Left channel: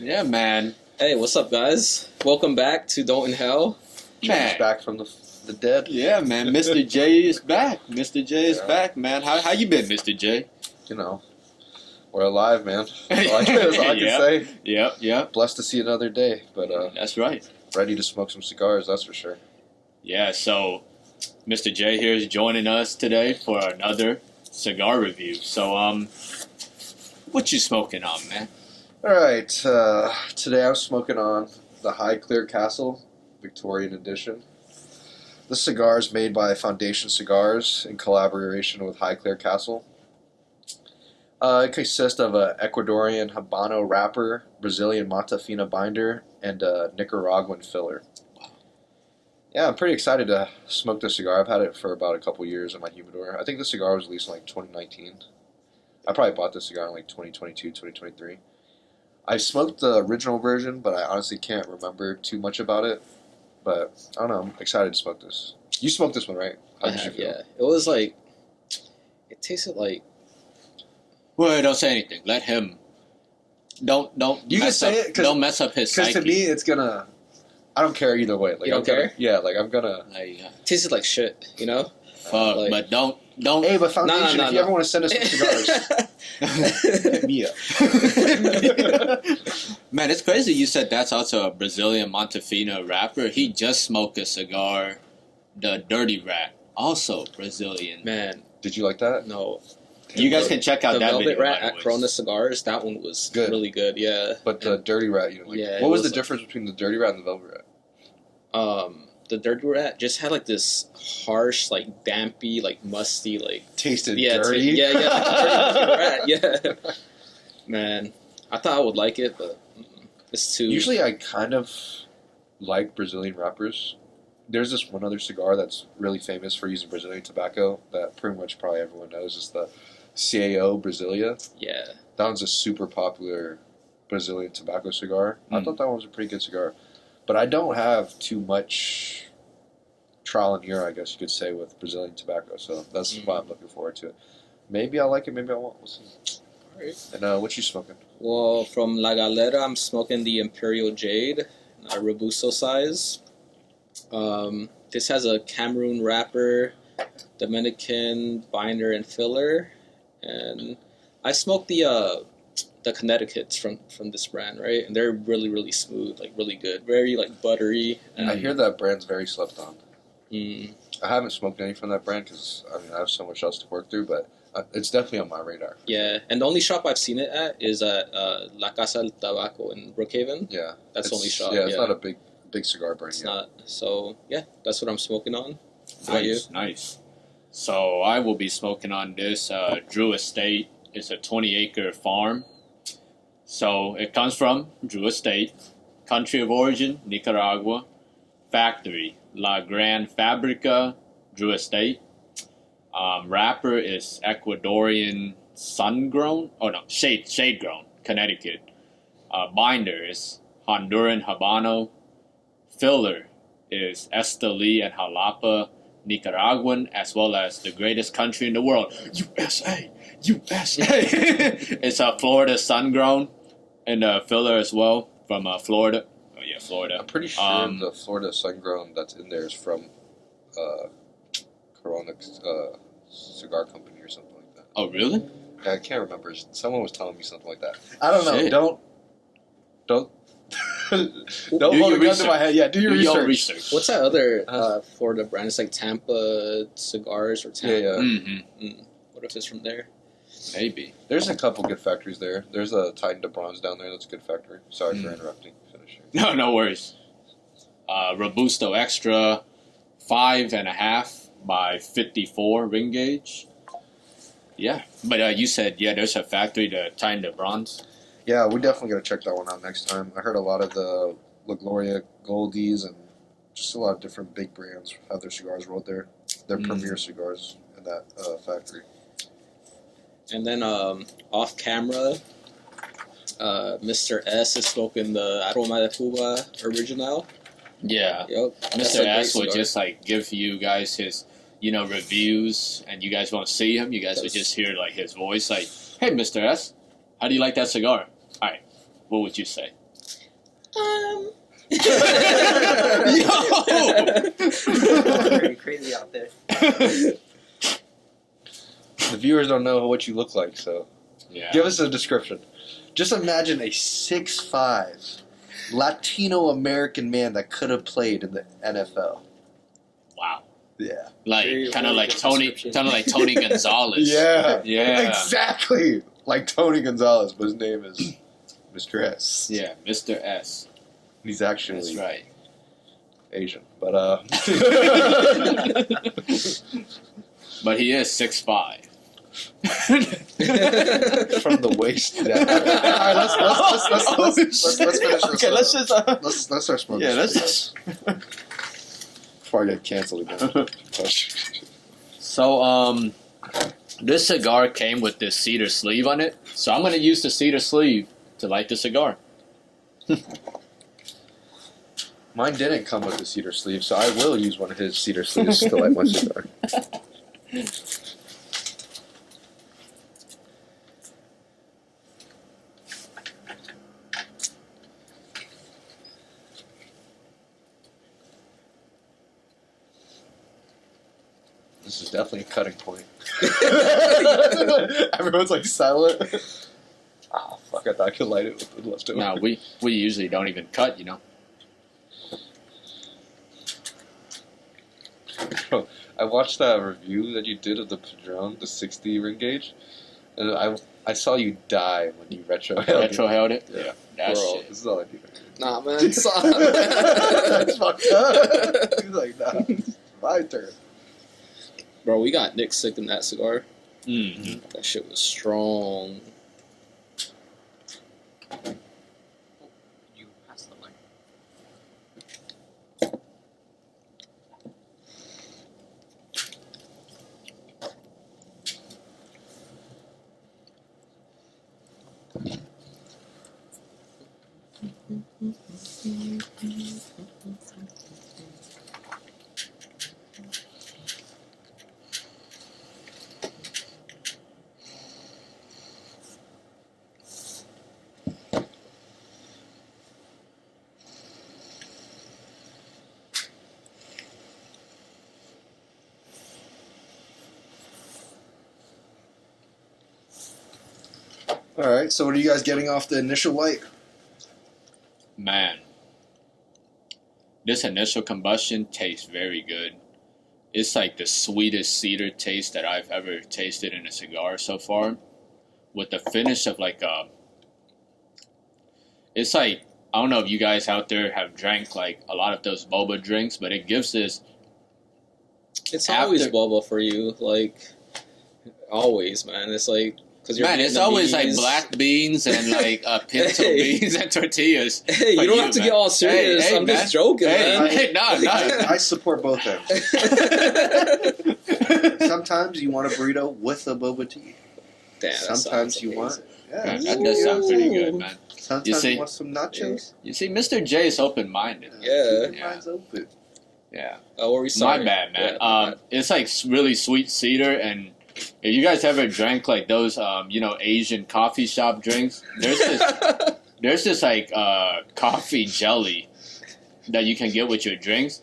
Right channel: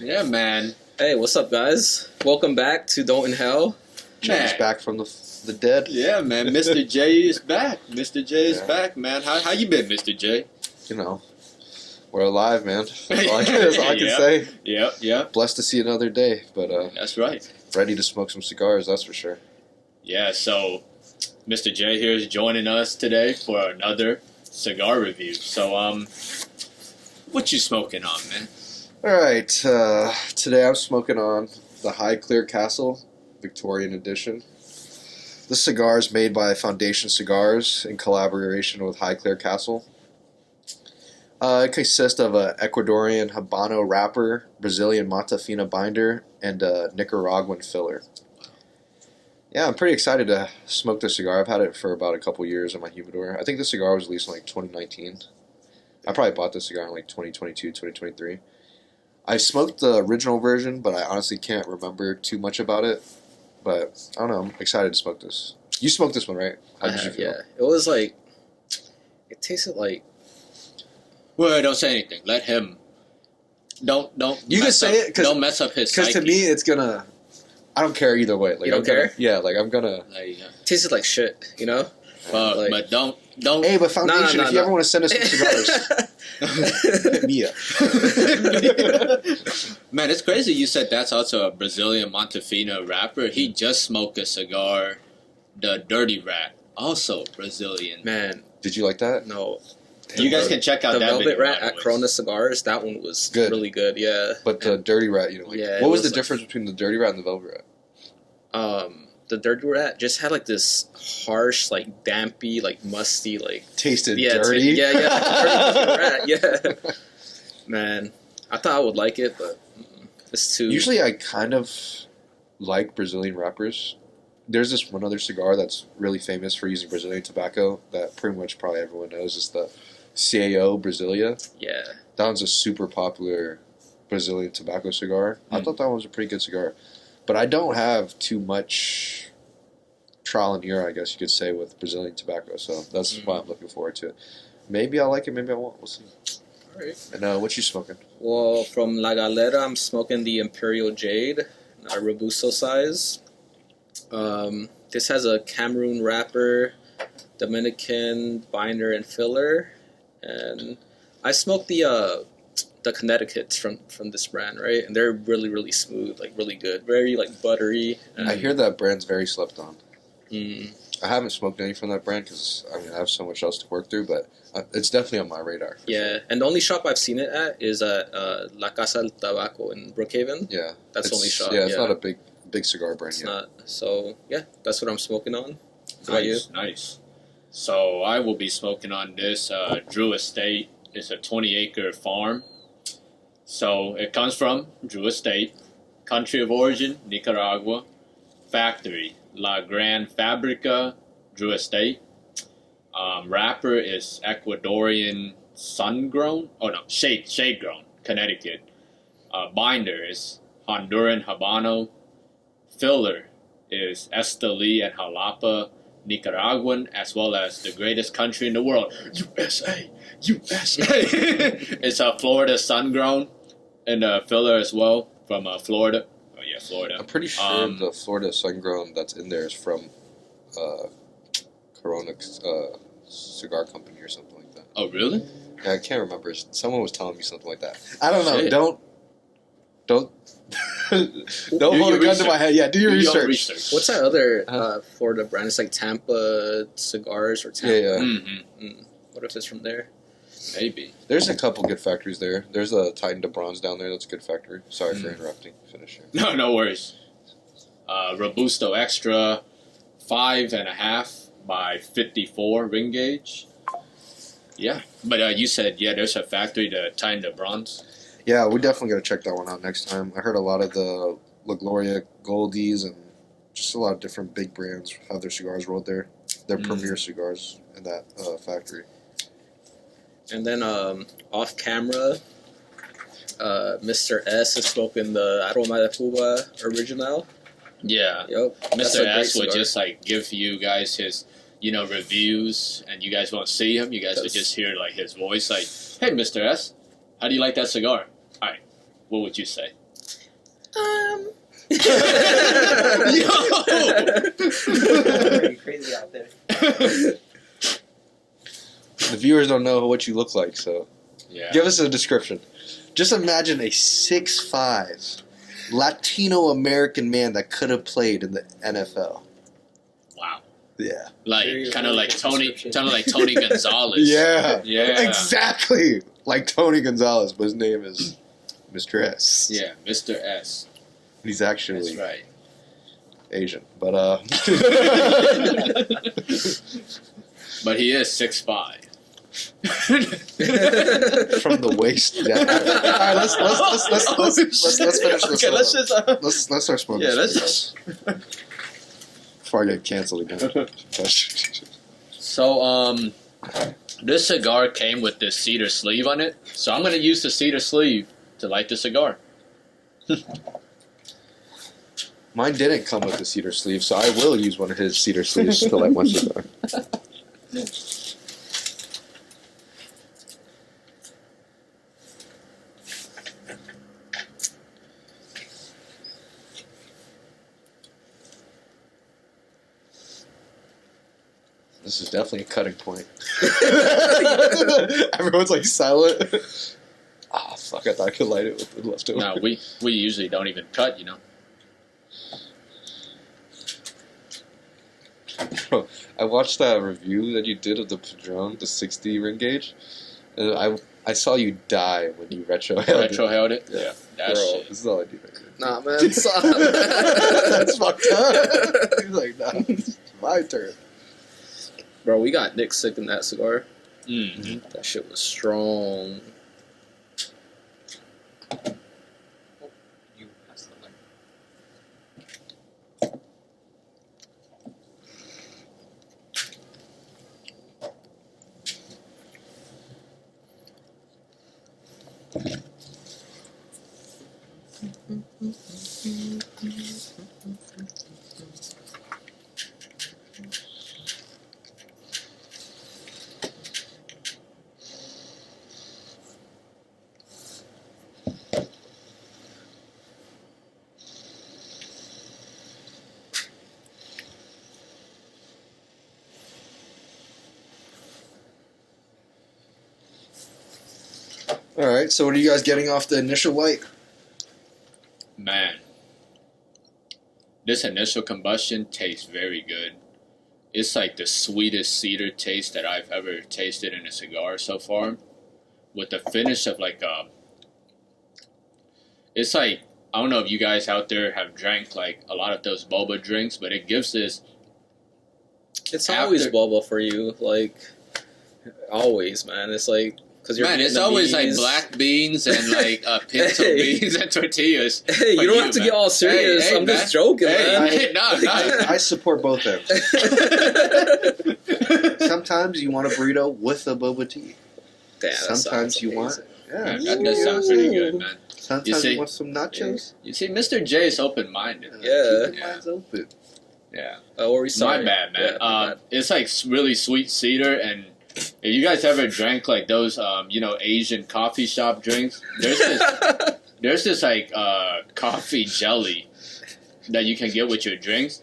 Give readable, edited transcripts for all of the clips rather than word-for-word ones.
Yeah, man. Hey, what's up, guys? Welcome back to Don't Inhale. Jay's back from the dead. Yeah, man. Mr. J is back. Mr. J is back, man. How you been, Mr. J? You know, we're alive, man. That's all I can say. Yep. Blessed to see another day, but that's right. ready to smoke some cigars, that's for sure. Yeah, so Mr. J here is joining us today for another cigar review. So, what you smoking on, man? All right, today I'm smoking on the High Clear Castle Victorian Edition. This cigar is made by Foundation Cigars in collaboration with High Clear Castle. It consists of an Ecuadorian Habano wrapper, Brazilian Mata Fina binder, and a Nicaraguan filler. Yeah, I'm pretty excited to smoke this cigar. I've had it for about a couple years in my humidor. I think the cigar was released in like 2019. I probably bought this cigar in like 2022, 2023. I smoked the original version, but I honestly can't remember too much about it. But I don't know. I'm excited to smoke this. You smoked this one, right? I have, yeah. It was like, it tasted like. Well, don't say anything. Let him. Don't. You can say it. Don't mess up his psyche. Because to me, it's gonna. I don't care either way. Like, you don't care? I'm gonna. Tasted like shit, you know. Like, but don't. Hey, but Foundation, if you ever want to send us some cigars, hit me up. Man, it's crazy you said that's also a Brazilian Montefino wrapper. He just smoked a cigar, the Dirty Rat, also Brazilian. Man. Did you like that? No. You guys can check out the that Velvet video Rat at Corona Cigars. That one was good. Really good, yeah. But the Dirty Rat, you know, like, yeah, what was the difference between the Dirty Rat and the Velvet Rat? The Dirty Rat just had like this harsh, like dampy, like musty, like tasted dirty. Like dirty rat, yeah. Man, I thought I would like it, but it's too. Usually, I kind of like Brazilian wrappers. There's this one other cigar that's really famous for using Brazilian tobacco that pretty much probably everyone knows is the CAO Brasilia. Yeah, that one's a super popular Brazilian tobacco cigar. I thought that one was a pretty good cigar. But I don't have too much trial and error, I guess you could say, with Brazilian tobacco. So that's why I'm looking forward to it. Maybe I'll like it, maybe I won't. We'll see. All right. And what you smoking? Well, from La Galera, I'm smoking the Imperial Jade, Robusto size. This has a Cameroon wrapper, Dominican binder and filler. And I smoked the Connecticut's from this brand, right? And they're really, really smooth, like really good, very like buttery. I hear that brand's very slept on. I haven't smoked any from that brand because I have so much else to work through, but it's definitely on my radar. Yeah, and the only shop I've seen it at is at La Casa del Tabaco in Brookhaven. Yeah, that's the only shop. Yeah, it's not a big cigar brand. It's not. So yeah, that's what I'm smoking on. What about you? Nice. So I will be smoking on this Drew Estate. It's a 20-acre farm. So it comes from Drew Estate, country of origin, Nicaragua, factory, La Gran Fabrica, Drew Estate. Wrapper is Ecuadorian shade-grown, Connecticut. Binder is Honduran Habano. Filler is Esteli and Jalapa, Nicaraguan, as well as the greatest country in the world, USA. It's a Florida sun-grown. And filler as well from Florida. Oh, yeah, Florida. I'm pretty sure the Florida sun-grown that's in there is from Corona Cigar Company or something like that. Oh, really? Yeah, I can't remember. Someone was telling me something like that. I don't know. Don't hold a gun to my head. Yeah, do your research. What's that other Florida brand? It's like Tampa Cigars or Tampa. Yeah. Mm-hmm. What if it's from there? Maybe. There's a couple good factories there. There's a Titan de Bronze down there. That's a good factory. Sorry for interrupting. Finish here. No worries. Robusto Extra, 5.5 by 54 ring gauge. Yeah. But you said, there's a factory, the Titan de Bronze. Yeah, we definitely got to check that one out next time. I heard a lot of the La Gloria Goldies and just a lot of different big brands have their cigars rolled there. Their premier cigars in that factory. And then off camera, Mr. S is smoking the Aroma de Cuba Original. Yeah. Yep. Mr. S would just like give you guys his, reviews, and you guys won't see him. You guys would just hear like his voice, like, "Hey, Mr. S, how do you like that cigar?" All right, what would you say? Pretty crazy out there. The viewers don't know what you look like, so Yeah. give us a description. Just imagine a 6'5" Latino American man that could have played in the NFL. Wow. Yeah. Like Very, kind of very like good Tony, description. kind of like Tony Gonzalez. Yeah. Yeah. Exactly. Like Tony Gonzalez, but his name is Mr. S. Yeah, Mr. S. He's actually That's right. Asian, but But he is 6'5". from the waist down. All right, let's finish this. Okay, let's just. Let's start smoking. Yeah, let's this just. before I get canceled again. So, this cigar came with this cedar sleeve on it, so I'm gonna use the cedar sleeve to light the cigar. Mine didn't come with the cedar sleeve, so I will use one of his cedar sleeves to light my cigar. This is definitely a cutting point. Everyone's like silent. Ah, fuck! I thought I could light it with the leftover. No, we usually don't even cut, you know. Bro, I watched that review that you did of the Padron, the 60 ring gauge, and I saw you die when you retro Held it. Yeah, that Bro, shit. this is all I do. Nah, man. Stop. That's fucked up. He's like, nah, it's my turn. Bro, we got Nick sick in that cigar. Mm. That shit was strong. All right, so what are you guys getting off the initial light? Man, this initial combustion tastes very good. It's like the sweetest cedar taste that I've ever tasted in a cigar so far, with the finish of like a. It's like, I don't know if you guys out there have drank like a lot of those boba drinks, but it gives this. It's After- always boba for you, like always, man. It's like because you're Man, it's always like Vietnamese. black beans and like pinto Hey. beans and tortillas. Hey, for you don't have to man. get all serious. Hey, I'm man. just joking, Hey, man. hey, no. I support both ends. Sometimes you want a burrito with a boba tea. Damn, that Sometimes sounds you want. amazing. Yeah, Man, that does sound pretty good, man. Sometimes You you, see- want some nachos. You see, Mr. J is open-minded. Yeah. Keep your minds open. Yeah. Oh, were we sorry? My bad, man. Yeah, my bad. It's like really sweet cedar, and if you guys ever drank like those, Asian coffee shop drinks, there's this like coffee jelly that you can get with your drinks,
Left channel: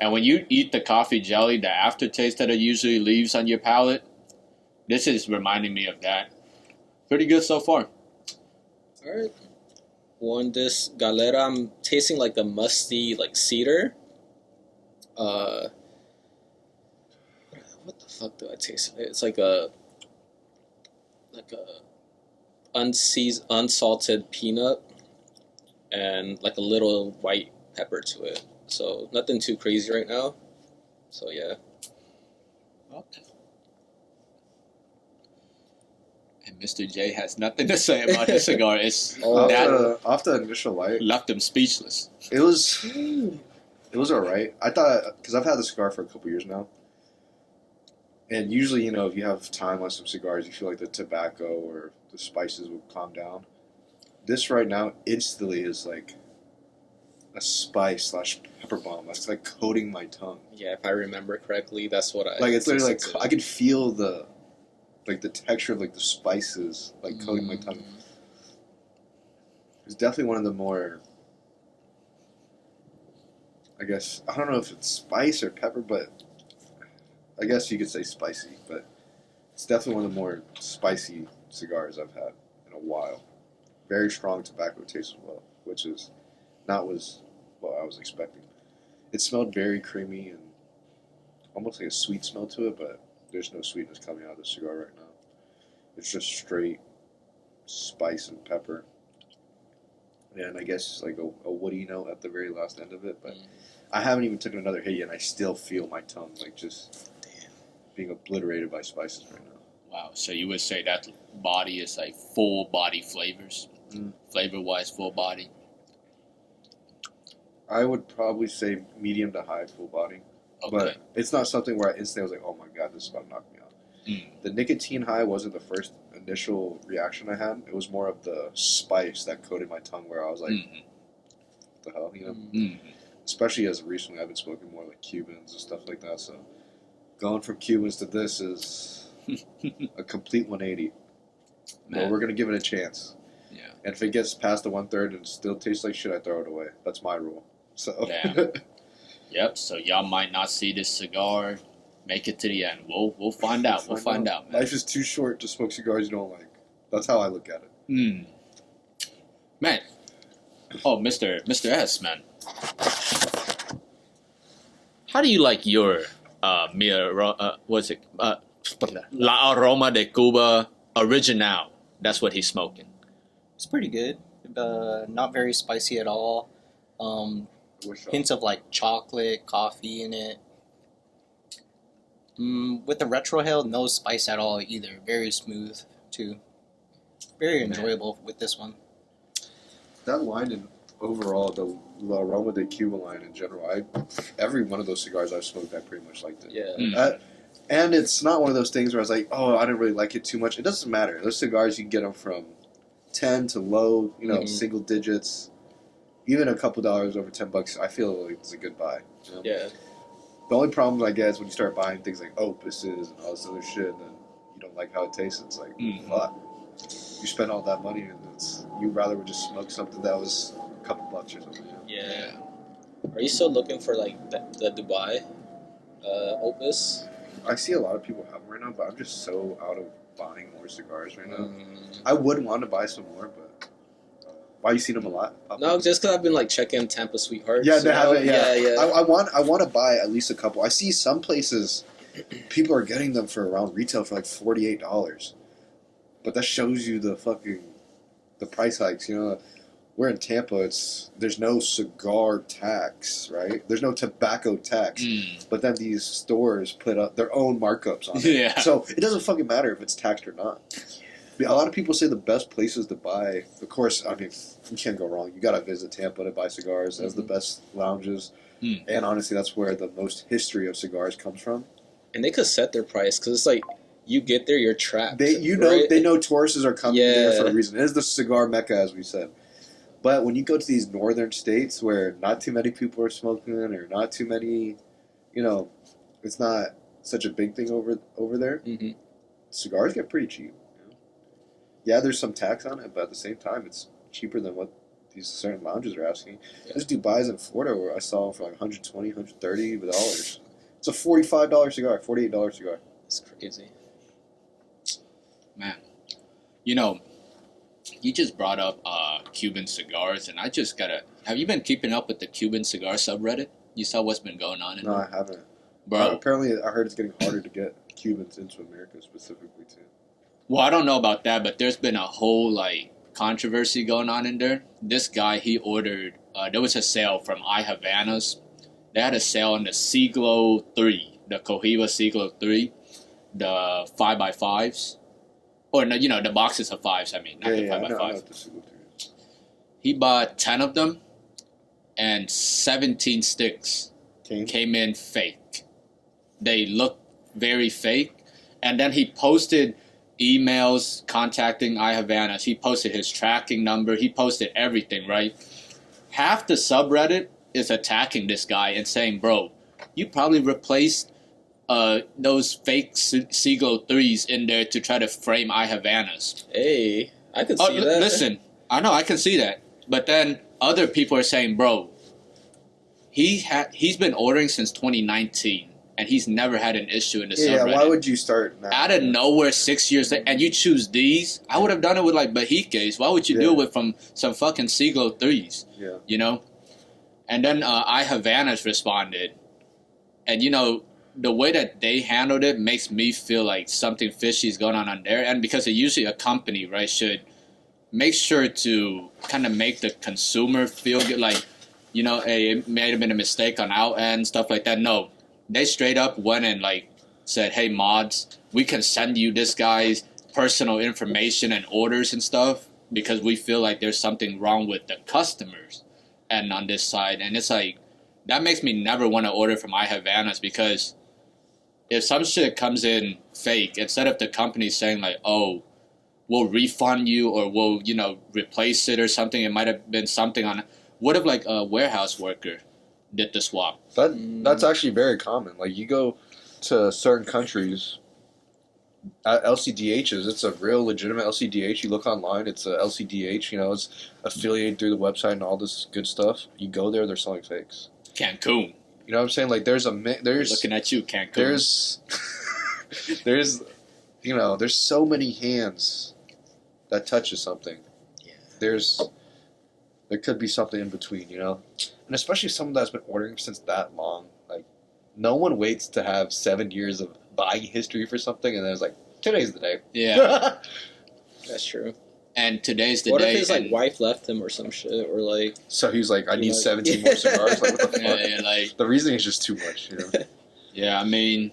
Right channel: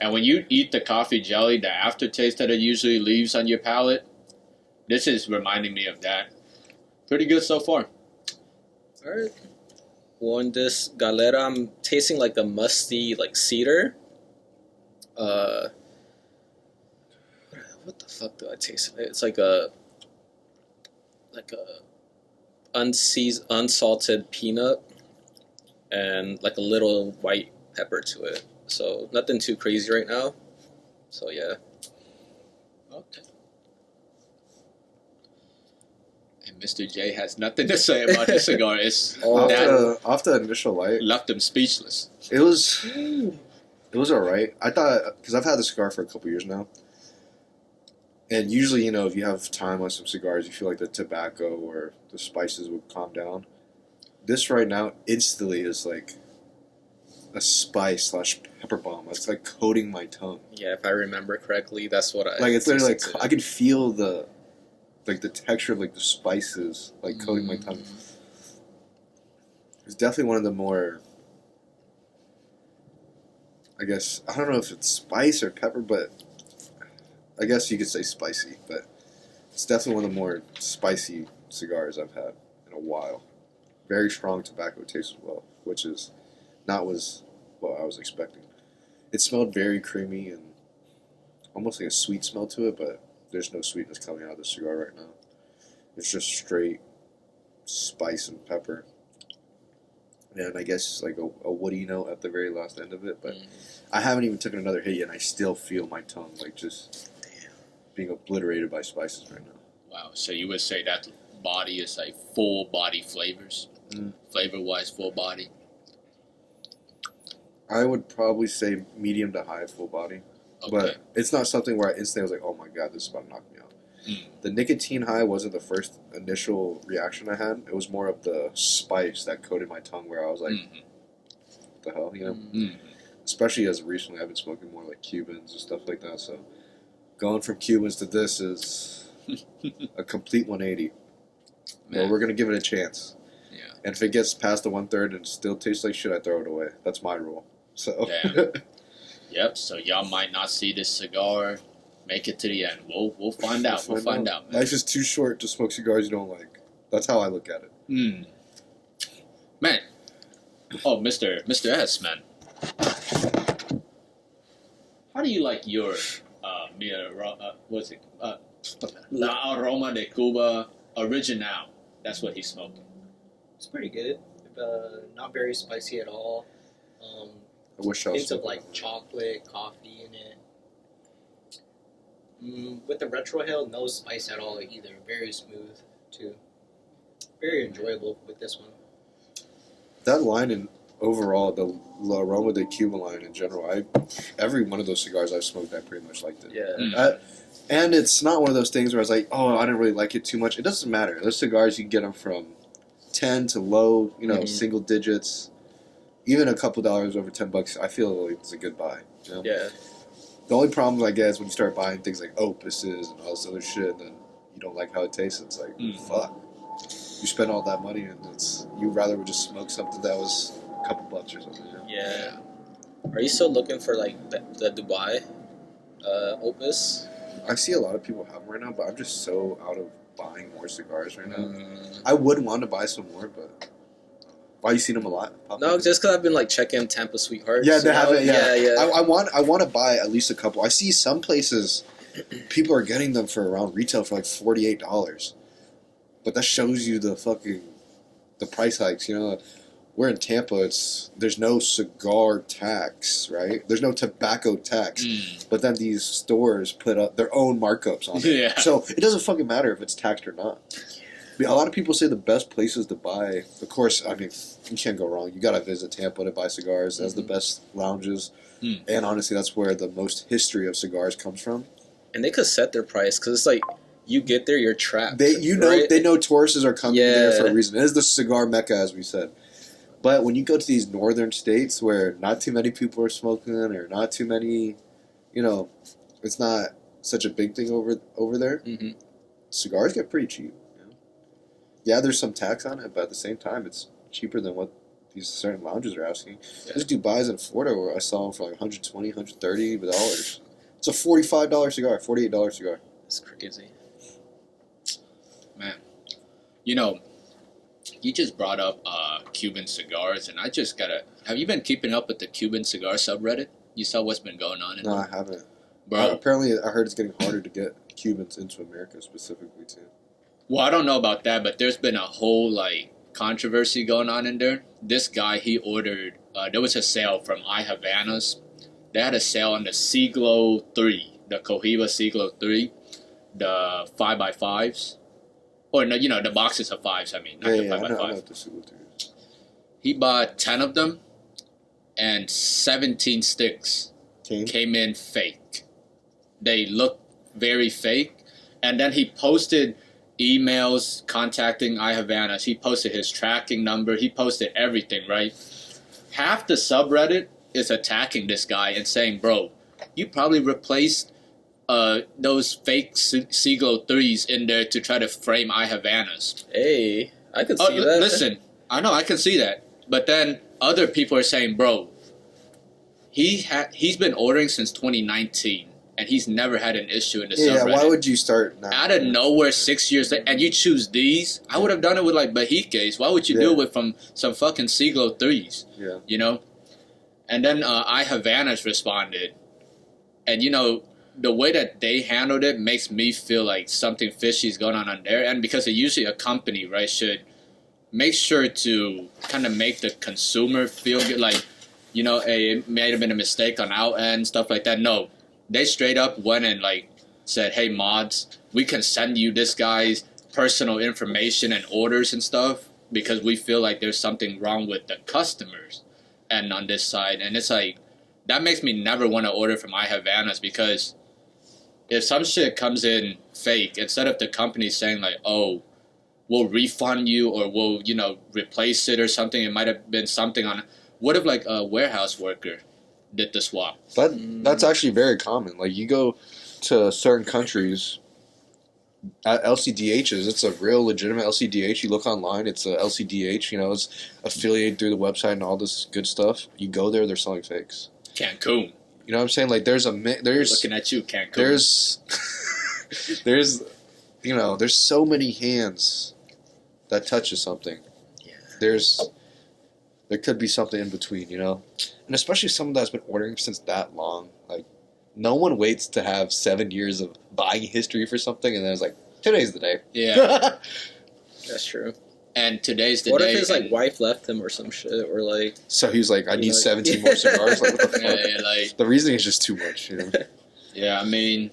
and when you eat the coffee jelly, the aftertaste that it usually leaves on your palate, this is reminding me of that. Pretty good so far. All right. One this Galera. I'm tasting like a musty like cedar. What the fuck do I taste? It's like a unsalted peanut and like a little white pepper to it. So nothing too crazy right now. So yeah. Okay. And Mr. J has nothing to say about the cigar. It's Oh, that Off the initial light, left him speechless. it was alright. I thought, because I've had the cigar for a couple years now, and usually, if you have time on some cigars, you feel like the tobacco or the spices would calm down. This right now instantly is like a spice / pepper bomb. It's like coating my tongue. Yeah, if I remember correctly, that's what I Like it's literally like tasted I can feel the texture of like the spices like coating my tongue. It's definitely one of the more I guess, I don't know if it's spice or pepper, but I guess you could say spicy, but it's definitely one of the more spicy cigars I've had in a while. Very strong tobacco taste as well, which is not what I was expecting. It smelled very creamy and almost like a sweet smell to it, but there's no sweetness coming out of the cigar right now. It's just straight spice and pepper. And I guess like a woody note at the very last end of it, but I haven't even taken another hit yet, and I still feel my tongue like just being obliterated by spices right now. Wow. So you would say that body is like full body flavors, flavor wise, full body. I would probably say medium to high full body, but it's not something where I instantly was like, "Oh my god, this is about to knock me out." The nicotine high wasn't the first initial reaction I had. It was more of the spice that coated my tongue, where I was like, "What the hell," you know? Especially as recently I've been smoking more like Cubans and stuff like that. So going from Cubans to this is a complete 180. Well, we're gonna give it a chance. Yeah. And if it gets past the 1/3 and still tastes like shit, I throw it away. That's my rule. So. Yep. So y'all might not see this cigar make it to the end. We'll find out. We'll find out. Man. Life is too short to smoke cigars you don't like. That's how I look at it. Man. Oh, Mr. S, man. How do you like your what's it? La Aroma de Cuba Original. That's what he's smoking. It's pretty good. Not very spicy at all. I wish I was. Hints of like chocolate, coffee in it. With the retrohale, no spice at all either. Very smooth too. Very enjoyable with this one. That line in overall, the La Aroma de Cuba line in general, every one of those cigars I've smoked, I pretty much liked it. Yeah. And it's not one of those things where I was like, oh, I didn't really like it too much. It doesn't matter. Those cigars, you can get them from 10 to low, single digits. Even a couple dollars over $10, I feel like it's a good buy. You know? Yeah. The only problem I get is when you start buying things like opuses and all this other shit, and then you don't like how it tastes. It's like, fuck. You spend all that money, and you'd rather would just smoke something that was a couple bucks or something. You know? Yeah. Are you still looking for like the Dubai opus? I see a lot of people have them right now, but I'm just so out of buying more cigars right now. I would want to buy some more, but why you seen them a lot? No, just because I've been like checking Tampa Sweethearts. Yeah, they have it. Yeah. I want to buy at least a couple. I see some places people are getting them for around retail for like $48, but that shows you the price hikes. You know, we're in Tampa. There's no cigar tax, right? There's no tobacco tax, but then these stores put up their own markups on it. Yeah. So it doesn't fucking matter if it's taxed or not. A lot of people say the best places to buy, of course, I mean, you can't go wrong. You got to visit Tampa to buy cigars. It has the best lounges. And honestly, that's where the most history of cigars comes from. And they could set their price because it's like you get there, you're trapped. They know tourists are coming there for a reason. It is the cigar mecca, as we said. But when you go to these northern states where not too many people are smoking or not too many, it's not such a big thing over there, cigars get pretty cheap. Yeah, there's some tax on it, but at the same time, it's cheaper than what these certain lounges are asking. There's Dubai's in Florida where I saw them for like $120, $130. It's a $45 cigar, $48 cigar. That's crazy. Man, you just brought up Cuban cigars, and I just gotta. Have you been keeping up with the Cuban cigar subreddit? You saw what's been going on in there? No, I haven't. Bro. Apparently, I heard it's getting harder to get Cubans into America specifically, too. Well, I don't know about that, but there's been a whole, controversy going on in there. This guy, he ordered, there was a sale from I Havanas. They had a sale on the Siglo 3, the Cohiba Siglo 3, the 5x5s. Or, no, the boxes of 5s, I mean, not the 5x5. I know what the Siglo 3 is. He bought 10 of them, and 17 sticks came in fake. They looked very fake. And then he posted emails contacting I Havanas. He posted his tracking number. He posted everything, right? Half the subreddit is attacking this guy and saying, bro, you probably replaced those fake Siglo 3s in there to try to frame I Havanas. Hey, I can see that. Listen, I know, I can see that. But then other people are saying, bro, he's been ordering since 2019, and he's never had an issue in the Yeah, subreddit. why would you start now? Out of nowhere 6 years later, and you choose these? I would have done it with like Bahiques. Why would you do it with from some fucking Siglo 3s? Yeah. You know? And then I Havanas responded, and you know, the way that they handled it makes me feel like something fishy is going on there. And because it usually a company, right, should make sure to kind of make the consumer feel good, like, you know, hey, it may have been a mistake on our end, stuff like that. No, they straight up went and like said, hey, mods, we can send you this guy's personal information and orders and stuff because we feel like there's something wrong with the customers and on this side. And it's like, that makes me never want to order from I Havanas, because if some shit comes in fake, instead of the company saying like, oh, we'll refund you or we'll, you know, replace it or something, it might have been something on, what if like a warehouse worker did the swap? That's actually very common. Like you go to certain countries at LCDHs, it's a real legitimate LCDH. You look online, it's a LCDH, you know, it's affiliated through the website and all this good stuff. You go there, they're selling fakes. Cancun. You know what I'm saying? Like there's looking at you, Cancun. There's you know, there's so many hands that touches something. Yeah. There could be something in between, you know? And especially someone that's been ordering since that long. Like, no one waits to have 7 years of buying history for something and then it's like, today's the day. Yeah. That's true. And today's the What day. if his like wife left him or some shit, or like? So he's like, I need like, 17 more cigars. Like, what the fuck? Yeah, like, the reasoning is just too much, you know? yeah, I mean,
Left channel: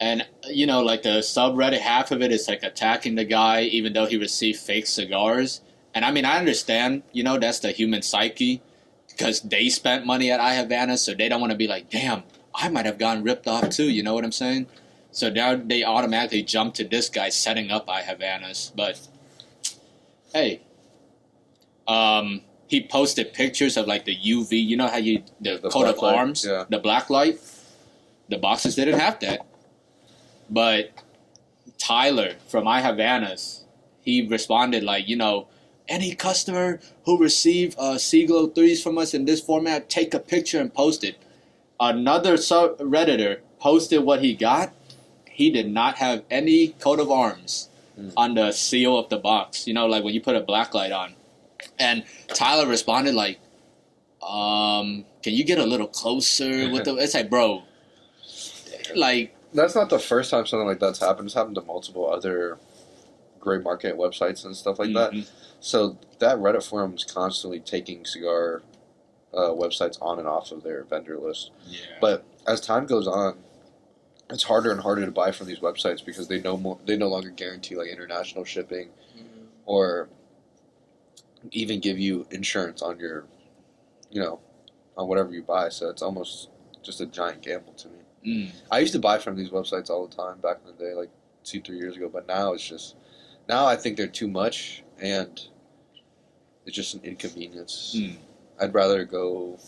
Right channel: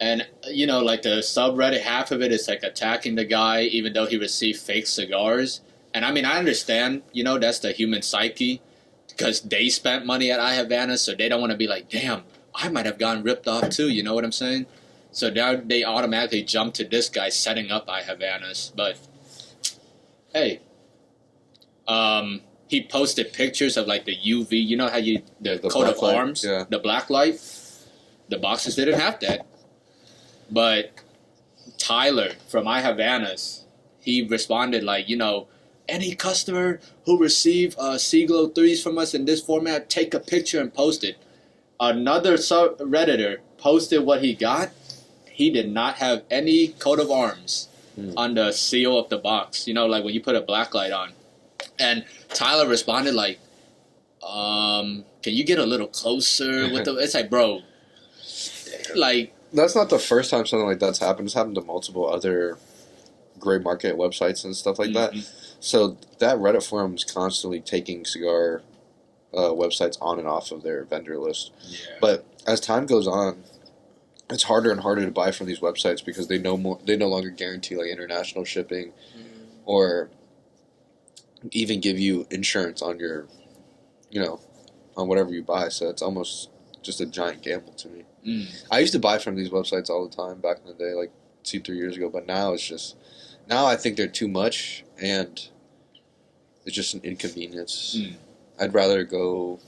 and you know, like the subreddit, half of it is like attacking the guy, even though he received fake cigars. And I mean, I understand, you know, that's the human psyche, because they spent money at I Havana, so they don't want to be like, damn, I might have gotten ripped off too. You know what I'm saying? So now they automatically jump to this guy setting up I Havanas. But hey, he posted pictures of like the UV. You know how the coat of black arms, light, yeah. the black light. The boxes didn't have that. But Tyler from I Havanas, he responded like, you know, any customer who received Siglo 3s from us in this format, take a picture and post it. Another Redditor posted what he got. He did not have any coat of arms on the seal of the box. You know, like when you put a black light on. And Tyler responded like, can you get a little closer with the... It's like, bro, like... That's not the first time something like that's happened. It's happened to multiple other gray market websites and stuff like that. So that Reddit forum is constantly taking cigar websites on and off of their vendor list. Yeah. But as time goes on, it's harder and harder to buy from these websites because they no longer guarantee like international shipping or even give you insurance on your, you know, on whatever you buy. So it's almost just a giant gamble to me. I used to buy from these websites all the time back in the day, like 2-3 years ago. But now now I think they're too much, and it's just an inconvenience. I'd rather go,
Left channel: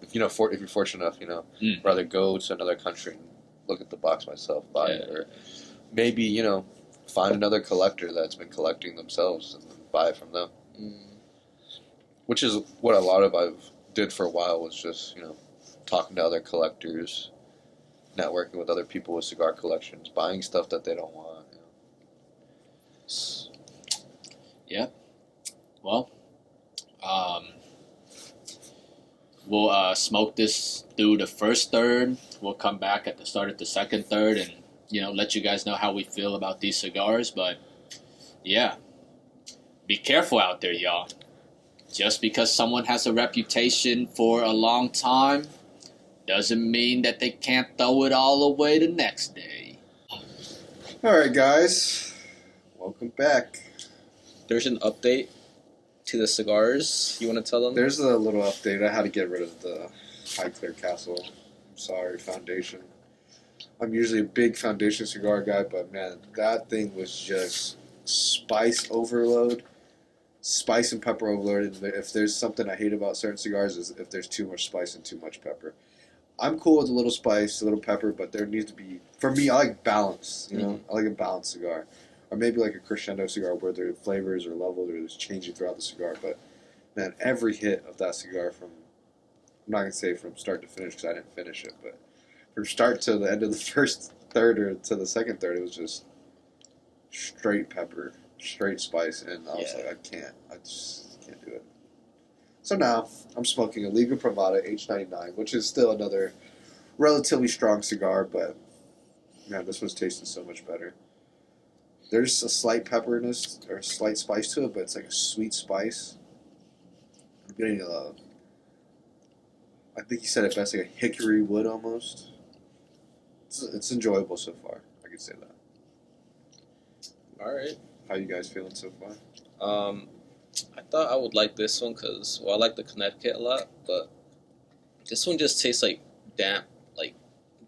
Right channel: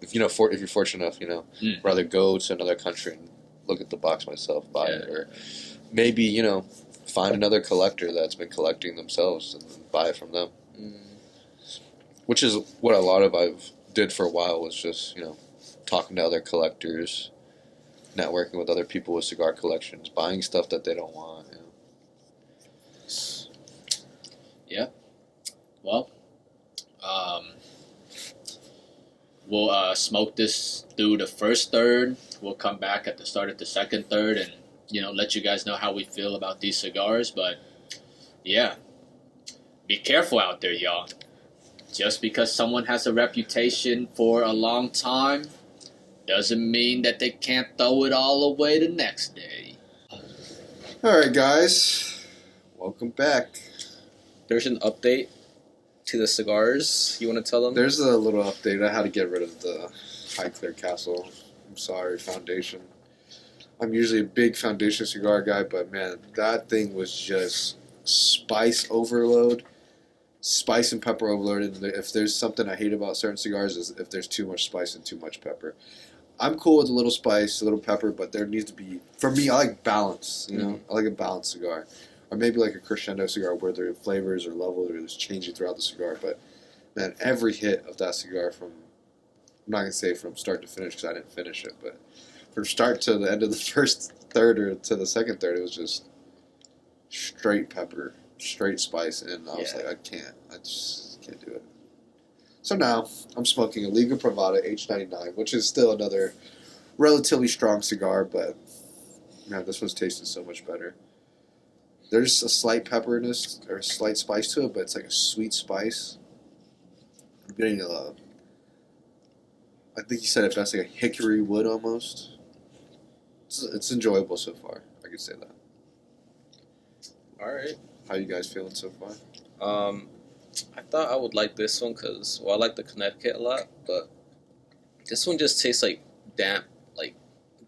if you're fortunate enough, you know, rather go to another country and look at the box myself, buy it, or maybe, you know, find another collector that's been collecting themselves and then buy it from them. Which is what a lot of I've did for a while, was just, you know, talking to other collectors, networking with other people with cigar collections, buying stuff that they don't want. You know. Yeah. Well, we'll smoke this through the first third. We'll come back at the start of the second third and, you know, let you guys know how we feel about these cigars. But, yeah, be careful out there, y'all. Just because someone has a reputation for a long time doesn't mean that they can't throw it all away the next day. All right, guys. Welcome back. There's an update to the cigars. You want to tell them? There's a little update. I had to get rid of the High Clear Castle. I'm sorry, Foundation. I'm usually a big Foundation cigar guy, but man, that thing was just spice overload. Spice and pepper overload. And if there's something I hate about certain cigars, is if there's too much spice and too much pepper. I'm cool with a little spice, a little pepper, but there needs to be, for me, I like balance. You know, I like a balanced cigar. Or maybe like a crescendo cigar where their flavors are leveled or it's changing throughout the cigar. But man, every hit of that cigar from I'm not gonna say from start to finish because I didn't finish it, but from start to the end of the first third or to the second third, it was just straight pepper, straight spice, and I was like, I just can't do it. So now I'm smoking a Liga Privada H99, which is still another relatively strong cigar, but man, this one's tasting so much better. There's a slight pepperiness or a slight spice to it, but it's like a sweet spice. I'm getting I think you said it best, like a hickory wood almost. It's enjoyable so far. I could say that. All right. How you guys feeling so far? I thought I would like this one because, well, I like the Connecticut a lot, but this one just tastes like damp, like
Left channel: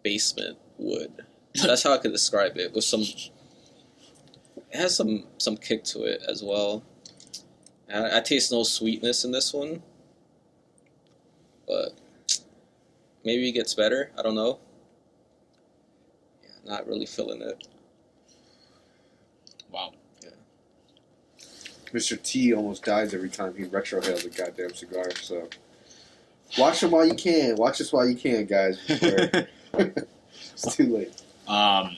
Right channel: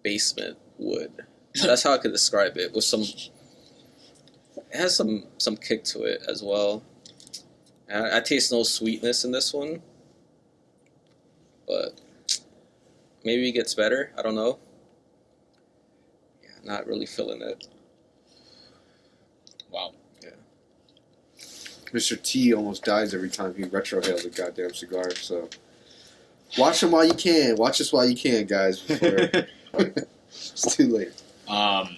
basement wood. That's how I could describe it. With some, it has some kick to it as well. I taste no sweetness in this one, but maybe it gets better. I don't know. Yeah, not really feeling it. Wow. Mr. T almost dies every time he retrohales a goddamn cigar, so watch him while you can. Watch this while you can, guys, before it's too late. Well,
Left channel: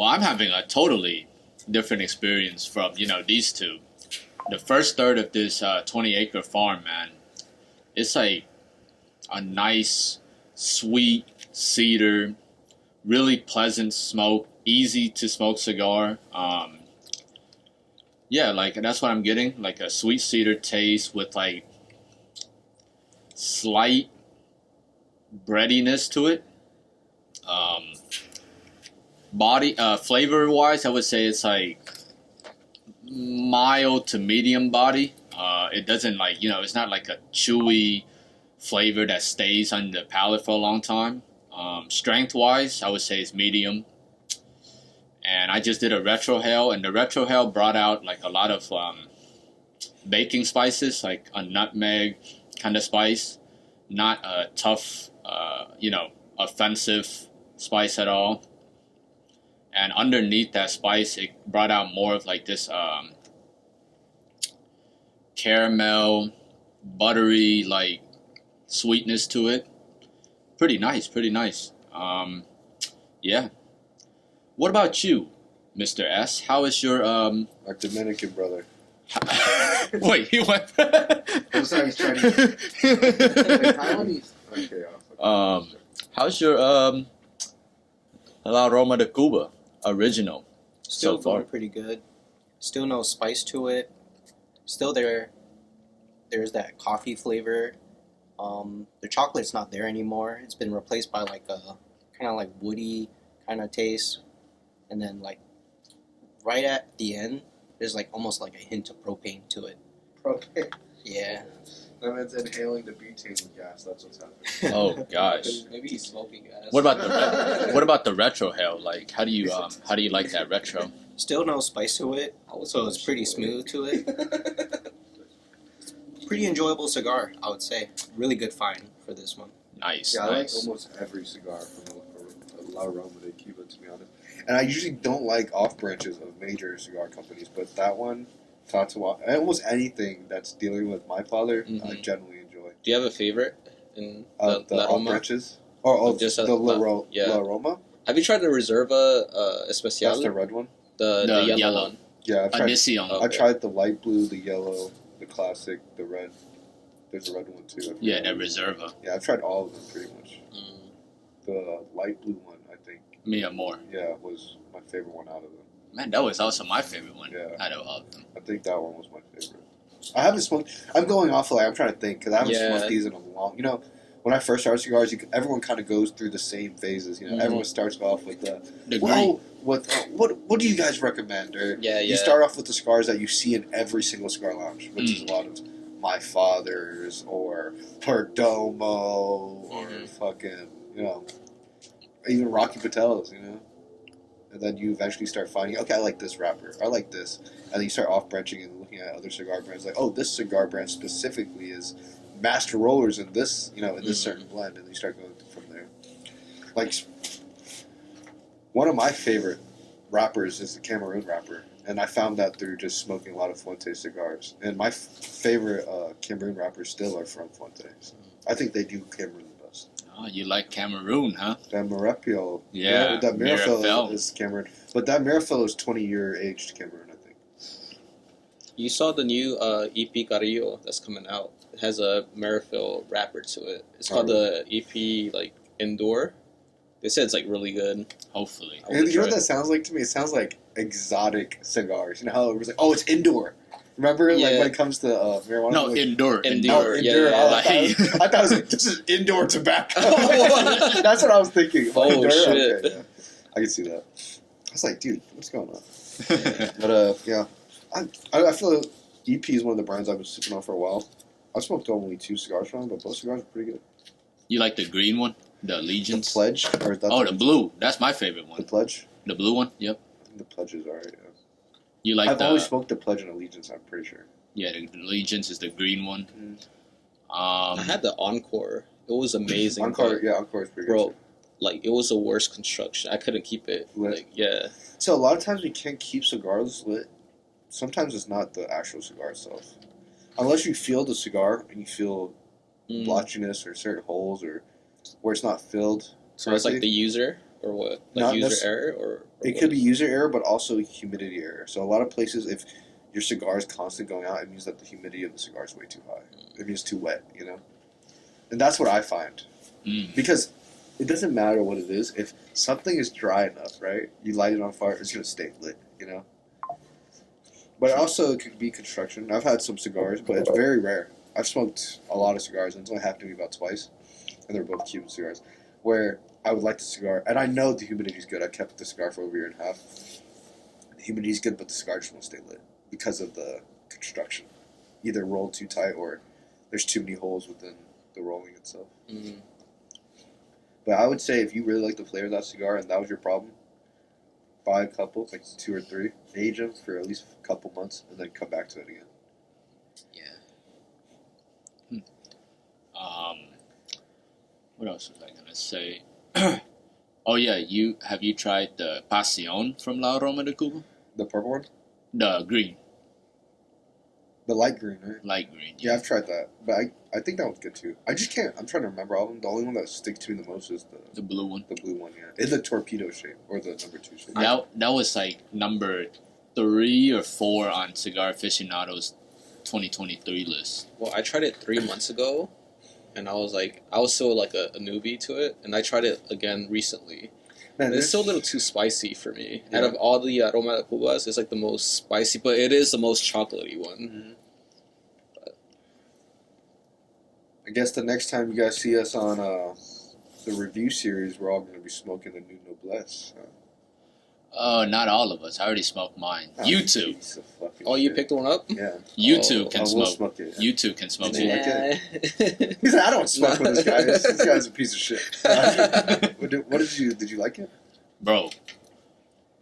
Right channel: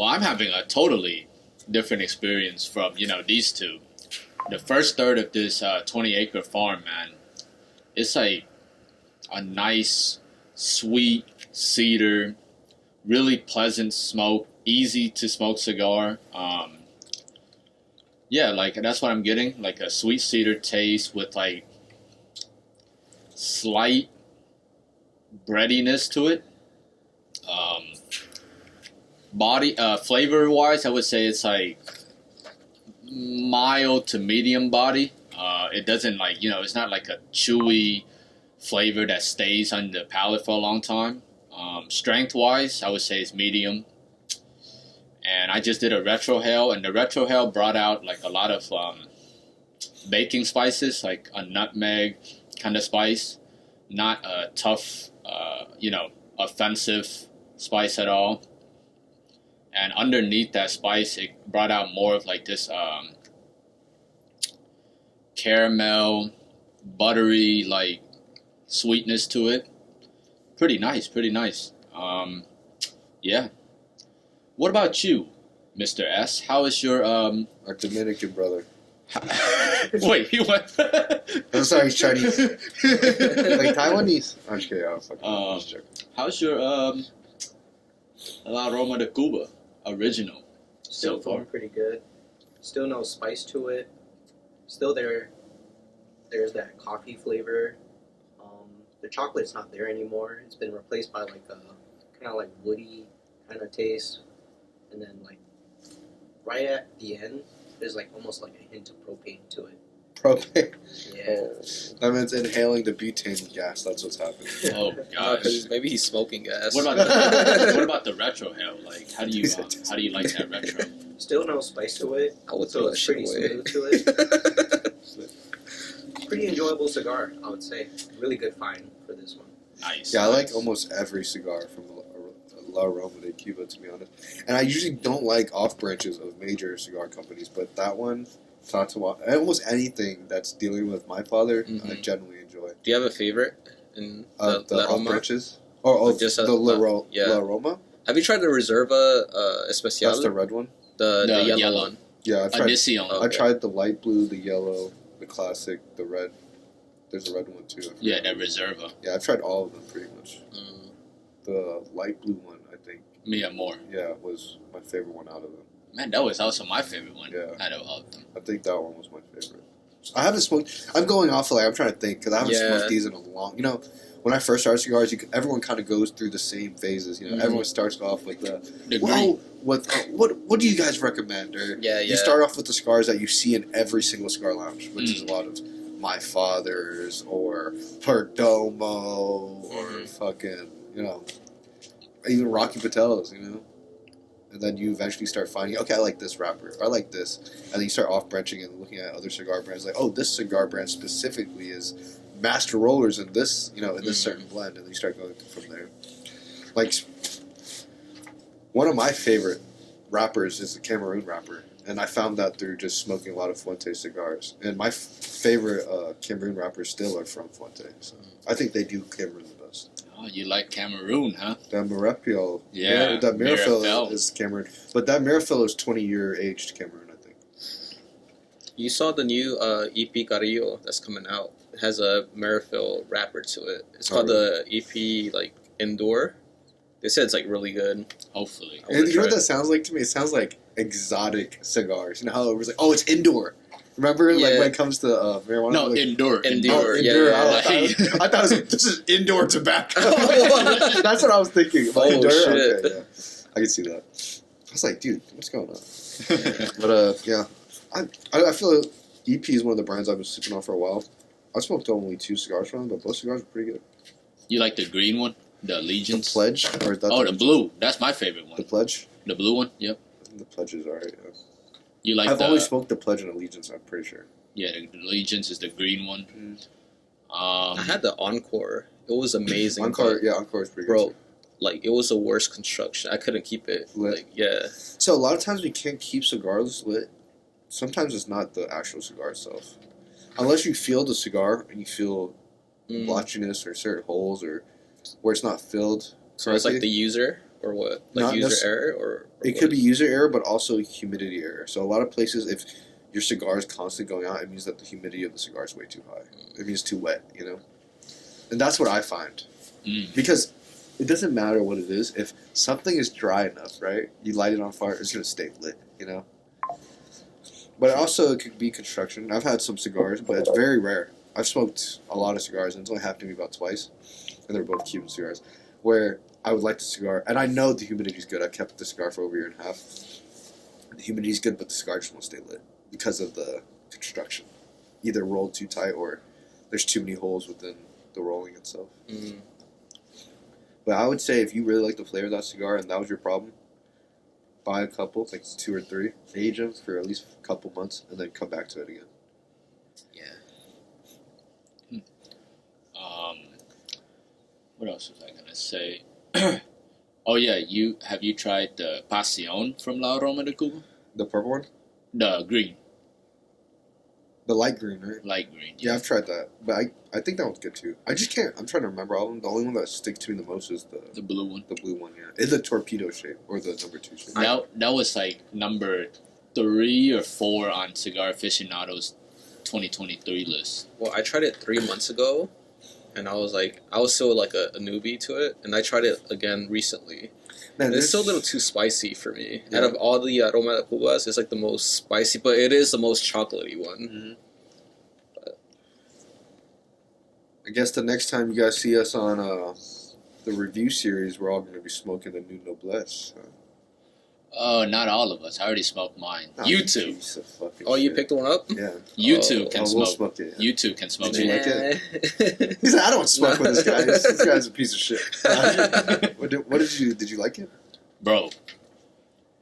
I'm having a totally different experience from, these two. The first third of this 20-acre farm, man, it's like a nice, sweet cedar, really pleasant smoke, easy to smoke cigar. Yeah, like that's what I'm getting, like a sweet cedar taste with like slight breadiness to it. Flavor wise, I would say it's like mild to medium body. It doesn't it's not like a chewy flavor that stays on the palate for a long time. Strength wise, I would say it's medium. And I just did a retrohale, and the retrohale brought out like a lot of baking spices, like a nutmeg kind of spice, not a tough, offensive spice at all. And underneath that spice, it brought out more of like this caramel, buttery, like sweetness to it. Pretty nice. Yeah. What about you, Mr. S? How is your Our Dominican brother. Wait, you went? I'm sorry, Chinese. Like Taiwanese. Okay, I was like, how's your La Roma de Cuba original? Still So far? going pretty good. Still no spice to it. Still there's that coffee flavor. The chocolate's not there anymore. It's been replaced by like a kind of like woody kind of taste. And then like right at the end, there's like almost like a hint of propane to it. propane. Yeah. That means inhaling the butane gas. That's what's happening. Oh gosh. Maybe he's smoking gas. What about the retrohale? Like, how do you like that retro? Still no spice to it, I would so throw it's that pretty shit away. smooth to it. Pretty enjoyable cigar, I would say. Really good find for this one. Nice. Yeah, I like nice. almost every cigar from La Roma de Cuba, to be honest. And I usually don't like off branches of major cigar companies, but that one, Tatawa, almost anything that's dealing with my father, I generally enjoy. Do you have a favorite in The La off Roma? branches? Or Just the La Roma? Have you tried the Reserva Especial? That's the red one? The yellow yellow one. Yeah, I've tried, Inicion. Oh. I tried the light blue, the yellow, the classic, the red. There's a red one too. Yeah, the Reserva. Yeah, I've tried all of them pretty much. Mm. The light blue one, I think, Me and more. yeah, was my favorite one out of them. Man, that was also my favorite one. Yeah. Out of all of them. I think that one was my favorite. I haven't smoked. I'm going off I'm trying to think because I haven't smoked these in a long. When I first started cigars, everyone kind of goes through the same phases. Everyone starts off with the green. what do you guys recommend? Or you start off with the cigars that you see in every single cigar lounge, which is a lot of My Father's or Perdomo or fucking even Rocky Patel's, And then you eventually start finding, okay, I like this wrapper, I like this. And then you start off branching and looking at other cigar brands, like, oh, this cigar brand specifically is master rollers in this, in this certain blend, and then you start going from there. Like, one of my favorite wrappers is the Cameroon wrapper, and I found that through just smoking a lot of Fuente cigars. And my favorite Cameroon wrappers still are from Fuente. So I think they do Cameroon the best. Oh, you like Cameroon, huh? That Marepio, Yeah, that Mirafil Mirafil. is Cameroon, but that Mirafil is 20-year aged Cameroon, I think. You saw the new EP Carrillo that's coming out. It has a Marifil wrapper to it. It's called the EP like Indoor. They said it's like really good. Hopefully. I wanna And you know try what that sounds like to me? It sounds like exotic cigars. You know how it was like, oh, it's indoor. Remember, like Yeah. when it comes to marijuana? No, like, indoor. Indoor. oh, yeah, indoor. yeah. I thought it was like, this is indoor tobacco. That's what I was thinking. Oh, Indoor? shit. Okay, yeah. I can see that. I was like, dude, what's going on? But yeah, I feel like EP is one of the brands I've been sipping on for a while. I smoked only 2 cigars from them, but both cigars are pretty good. You like the green one? The The Allegiance? Pledge, or is that Oh, the blue. That's my favorite the one. Pledge? The blue one? Yep. The Pledge is alright. Yeah. You like I've the... only smoked the Pledge and Allegiance. I'm pretty sure. Yeah, the Allegiance is the green one. I had the Encore. It was amazing. Encore, but, Encore is pretty bro, good. like it was the worst construction. I couldn't keep it. Lit. Like yeah. So a lot of times we can't keep cigars lit. Sometimes it's not the actual cigar itself. Unless you feel the cigar and you feel blotchiness or certain holes or where it's not filled. So it's like correctly. the user or what? Like Not user necess- error or It what? could be user error, but also humidity error. So a lot of places, if your cigar is constantly going out, it means that the humidity of the cigar is way too high. It means too wet, you know? And that's what I find. Mm. Because it doesn't matter what it is. If something is dry enough, right? You light it on fire, it's going to stay lit, you know? But also, it could be construction. I've had some cigars, but it's very rare. I've smoked a lot of cigars, and it's only happened to me about twice. And they're both Cuban cigars. Where I would like the cigar, and I know the humidity is good. I kept the cigar for over a year and a half. The humidity is good, but the cigar just won't stay lit because of the construction. Either rolled too tight or there's too many holes within the rolling itself. Mm. But I would say if you really like the flavor of that cigar and that was your problem, buy a couple, like 2 or 3, age them for at least a couple months, and then come back to it again. Yeah. What else was I gonna say? Oh yeah, have you tried the Pasión from La Aroma de Cuba? The purple one? The green, The light green, right? light green. Yeah, I've tried that. But I think that one's good too. I just can't, I'm trying to remember all of them. The only one that sticks to me the most is The blue one. the blue one, yeah. It's the torpedo shape, or the number 2 shape. That was like number 3 or 4 on Cigar Aficionado's 2023 list. Well, I tried it 3 months ago, and I was still like a newbie to it, and I tried it again recently. Man, It's still a little too spicy for me. Yeah. Out of all the Aroma de Cubas, it's like the most spicy, but it is the most chocolatey one. I guess the next time you guys see us on the review series, we're all going to be smoking the new Noblesse. Oh, not all of us. I already smoked mine. Oh, You two. piece of fucking Oh, you shit. picked one up? Yeah. You two Oh, can we'll smoke. smoke it. Yeah. You two can smoke Did you it. like it? He said, I don't smoke with this guy. This guy's a piece of shit. What did you like it? Bro,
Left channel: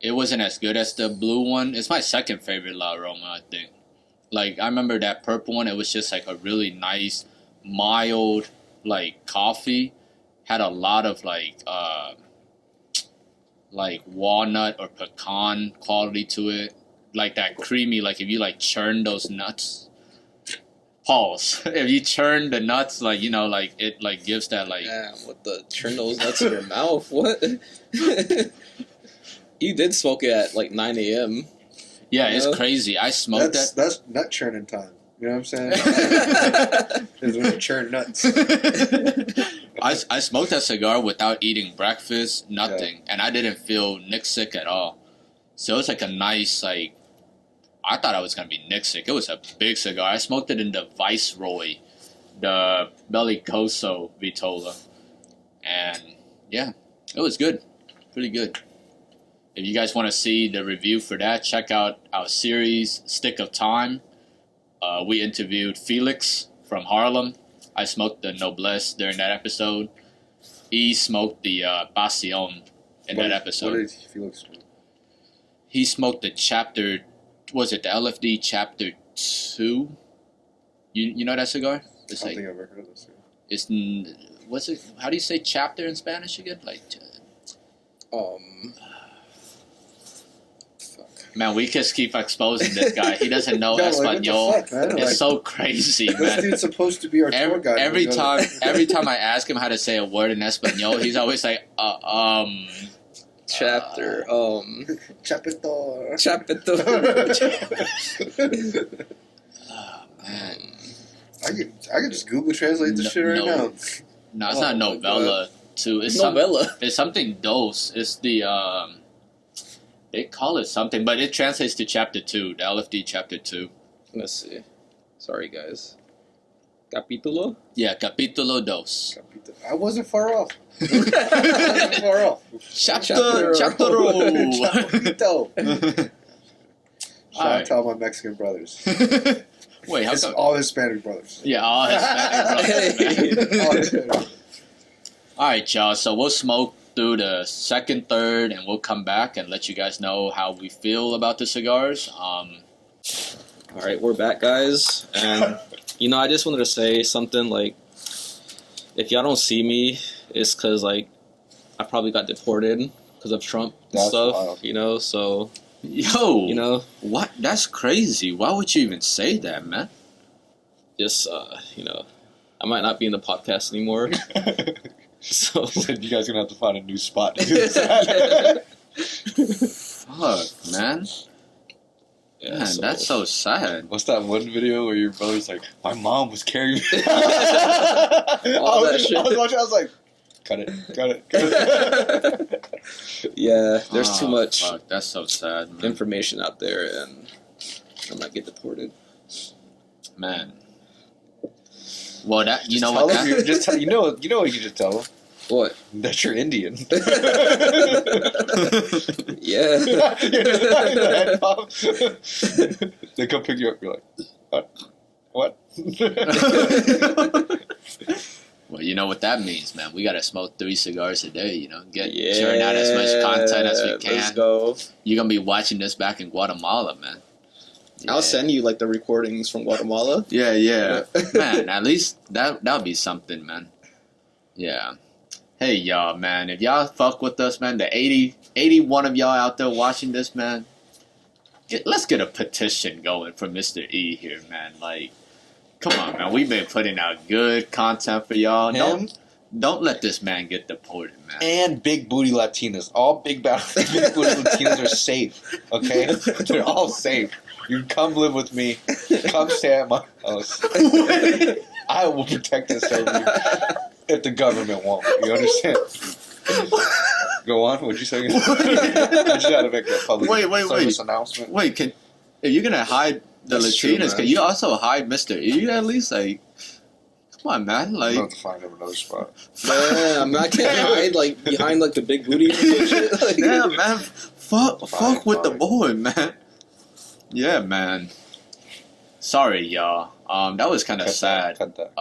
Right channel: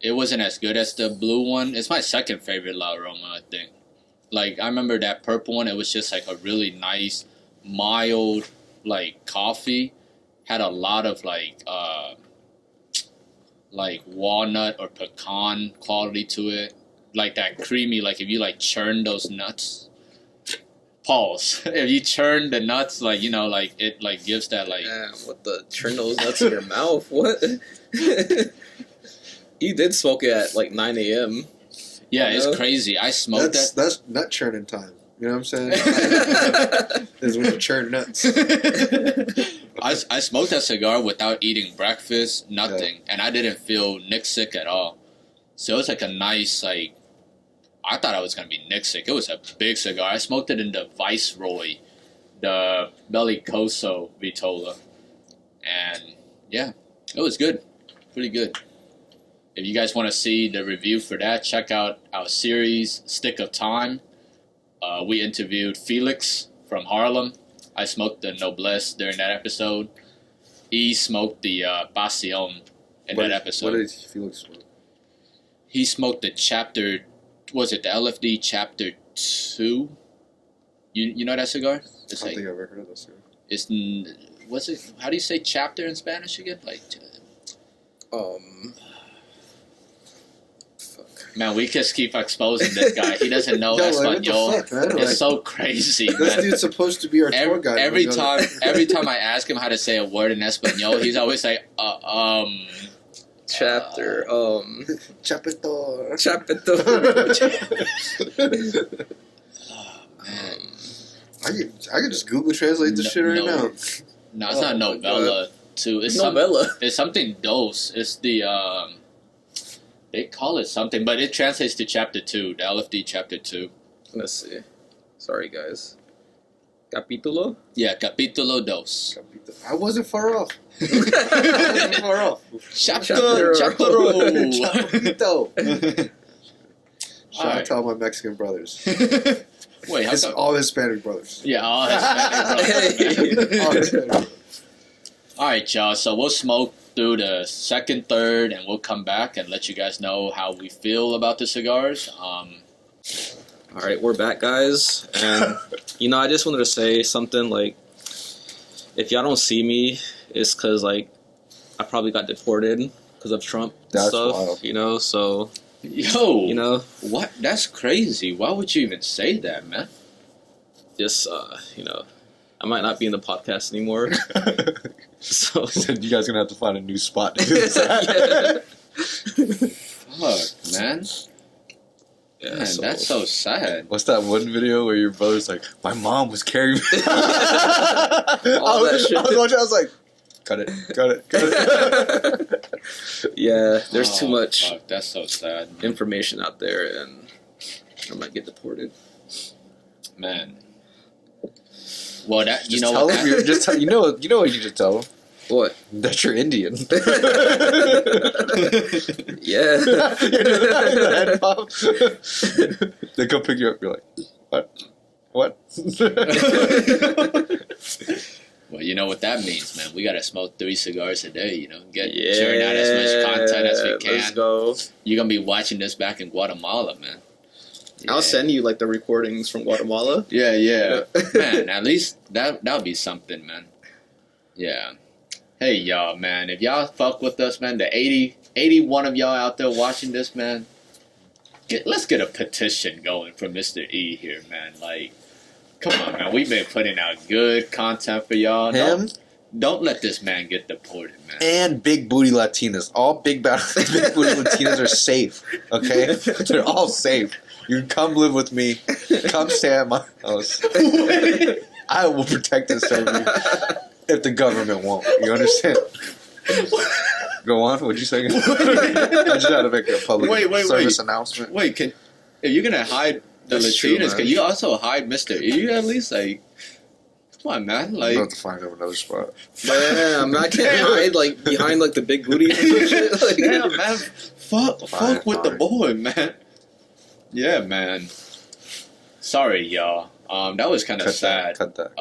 it wasn't as good as the blue one. It's my second favorite La Aroma, I think. Like, I remember that purple one. It was just like a really nice, mild, like, coffee. Had a lot of, like walnut or pecan quality to it. Like that creamy, like if you, like, churn those nuts. Pause. If you churn the nuts, like, you know, like, it, like, gives that, like... Damn, what the turn those nuts in your mouth? What? You did smoke it at like 9 a.m. Yeah, You it's know? crazy. I smoked that. That's nut churning time. You know what I'm saying? Is when you churn nuts. I smoked that cigar without eating breakfast, nothing, and I didn't feel nick sick at all. So it was like a nice, like, I thought I was gonna be nick sick. It was a big cigar. I smoked it in the Viceroy, the Bellicoso Vitola, and yeah, it was good, pretty good. If you guys want to see the review for that, check out our series Stick of Time. We interviewed Felix from Harlem. I smoked the Noblesse during that episode. He smoked the Pasión in that episode. What did Felix smoke? He smoked the chapter, was it the LFD chapter 2? You know that cigar? I It's don't like, think I've ever heard of this. it's, what's it, how do you say chapter in Spanish again? Like, Fuck. Man, we just keep exposing this guy. He doesn't know Yeah, like, what the Espanol. fuck, man? It's Like, so crazy, this man. dude's supposed to be our tour guide. Every time I ask him how to say a word in Espanol, he's always like, Chapter. Chapitor. Chapter. I could just Google translate this shit right now. No, it's Oh not my novella. Too. It's Novella. It's something dos. It's the they call it something, but it translates to chapter 2, the LFD chapter 2. Let's see. Sorry, guys. Capítulo? Yeah, capítulo dos. I wasn't far off. I wasn't far off. Chapter. Chapito. Shout out Alright. to all my Mexican brothers. Wait, how It's come? all Hispanic brothers. Yeah, all Hispanic. Hey. All Hispanic. All right, y'all. So we'll smoke through the second, third, and we'll come back and let you guys know how we feel about the cigars. All right, we're back, guys. And, I just wanted to say something like, if y'all don't see me, it's because, like, I probably got deported because of Trump and That's stuff, wild. so, Yo, what? That's crazy. Why would you even say that, man? just, I might not be in the podcast anymore. So, You guys gonna have to find a new spot. yeah. Fuck, man. Yeah, Man, so. that's so sad. What's that one video where your brother's like, my mom was carrying me? All that shit. I was watching, I was like, cut it. Yeah, there's too Oh, much Fuck, that's so sad, man. information out there, and I might get deported. Man. Well, that you Just know tell what? him you're- just tell, you know what you should tell him? What? That you're Indian. Yeah. They come pick you up, you're like, what? Well, you know what that means, man. We gotta smoke 3 cigars a day. Get Yeah. churn out as much content as we can. Let's go. You're gonna be watching this back in Guatemala, man. I'll send you like the recordings from Guatemala. Yeah. Man, at least that would be something, man. Yeah. Hey, y'all, man. If y'all fuck with us, man, the 81 of y'all out there watching this, man, let's get a petition going for Mr. E here, man. Like, come on, man. We've been putting out good content for y'all. Him Don't let this man get deported, man. and big booty Latinas. All big booty Latinas are safe, okay? They're all safe. You can come live with me. Come stay at my house. I will protect and serve you if the government won't. You understand? Go on. What'd you say? I just had to make a public service announcement. Wait, if you're going to hide the That's true, Latinas, man. can you also hide Mr. E at least? Like, come on, man. I'm Like, about to find him another spot. Damn, I can't hide like behind like the big booty and shit. Like, yeah, man. Fuck Fine, with the fine. boy, man. Yeah, man. Sorry, y'all. That was kind of sad. Cut that.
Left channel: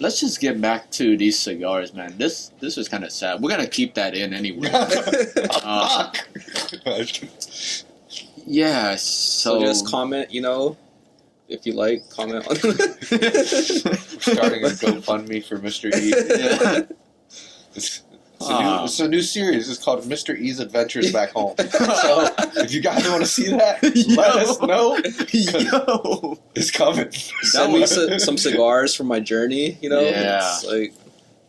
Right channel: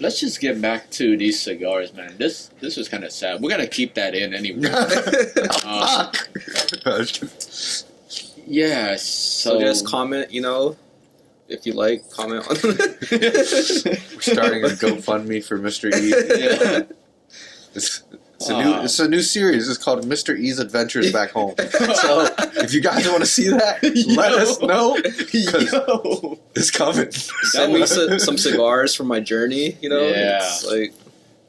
let's just get back to these cigars, man. This was kind of sad. We're gonna keep that in anyway. Yeah. so just comment, if you like, comment on. We're starting a GoFundMe for Mr. E. Yeah. It's a new series. It's called Mr. E's Adventures Back Home. So if you guys want to see that, let us know. 'Cause Yo. it's coming. Send me some cigars from my journey, Yeah. It's like,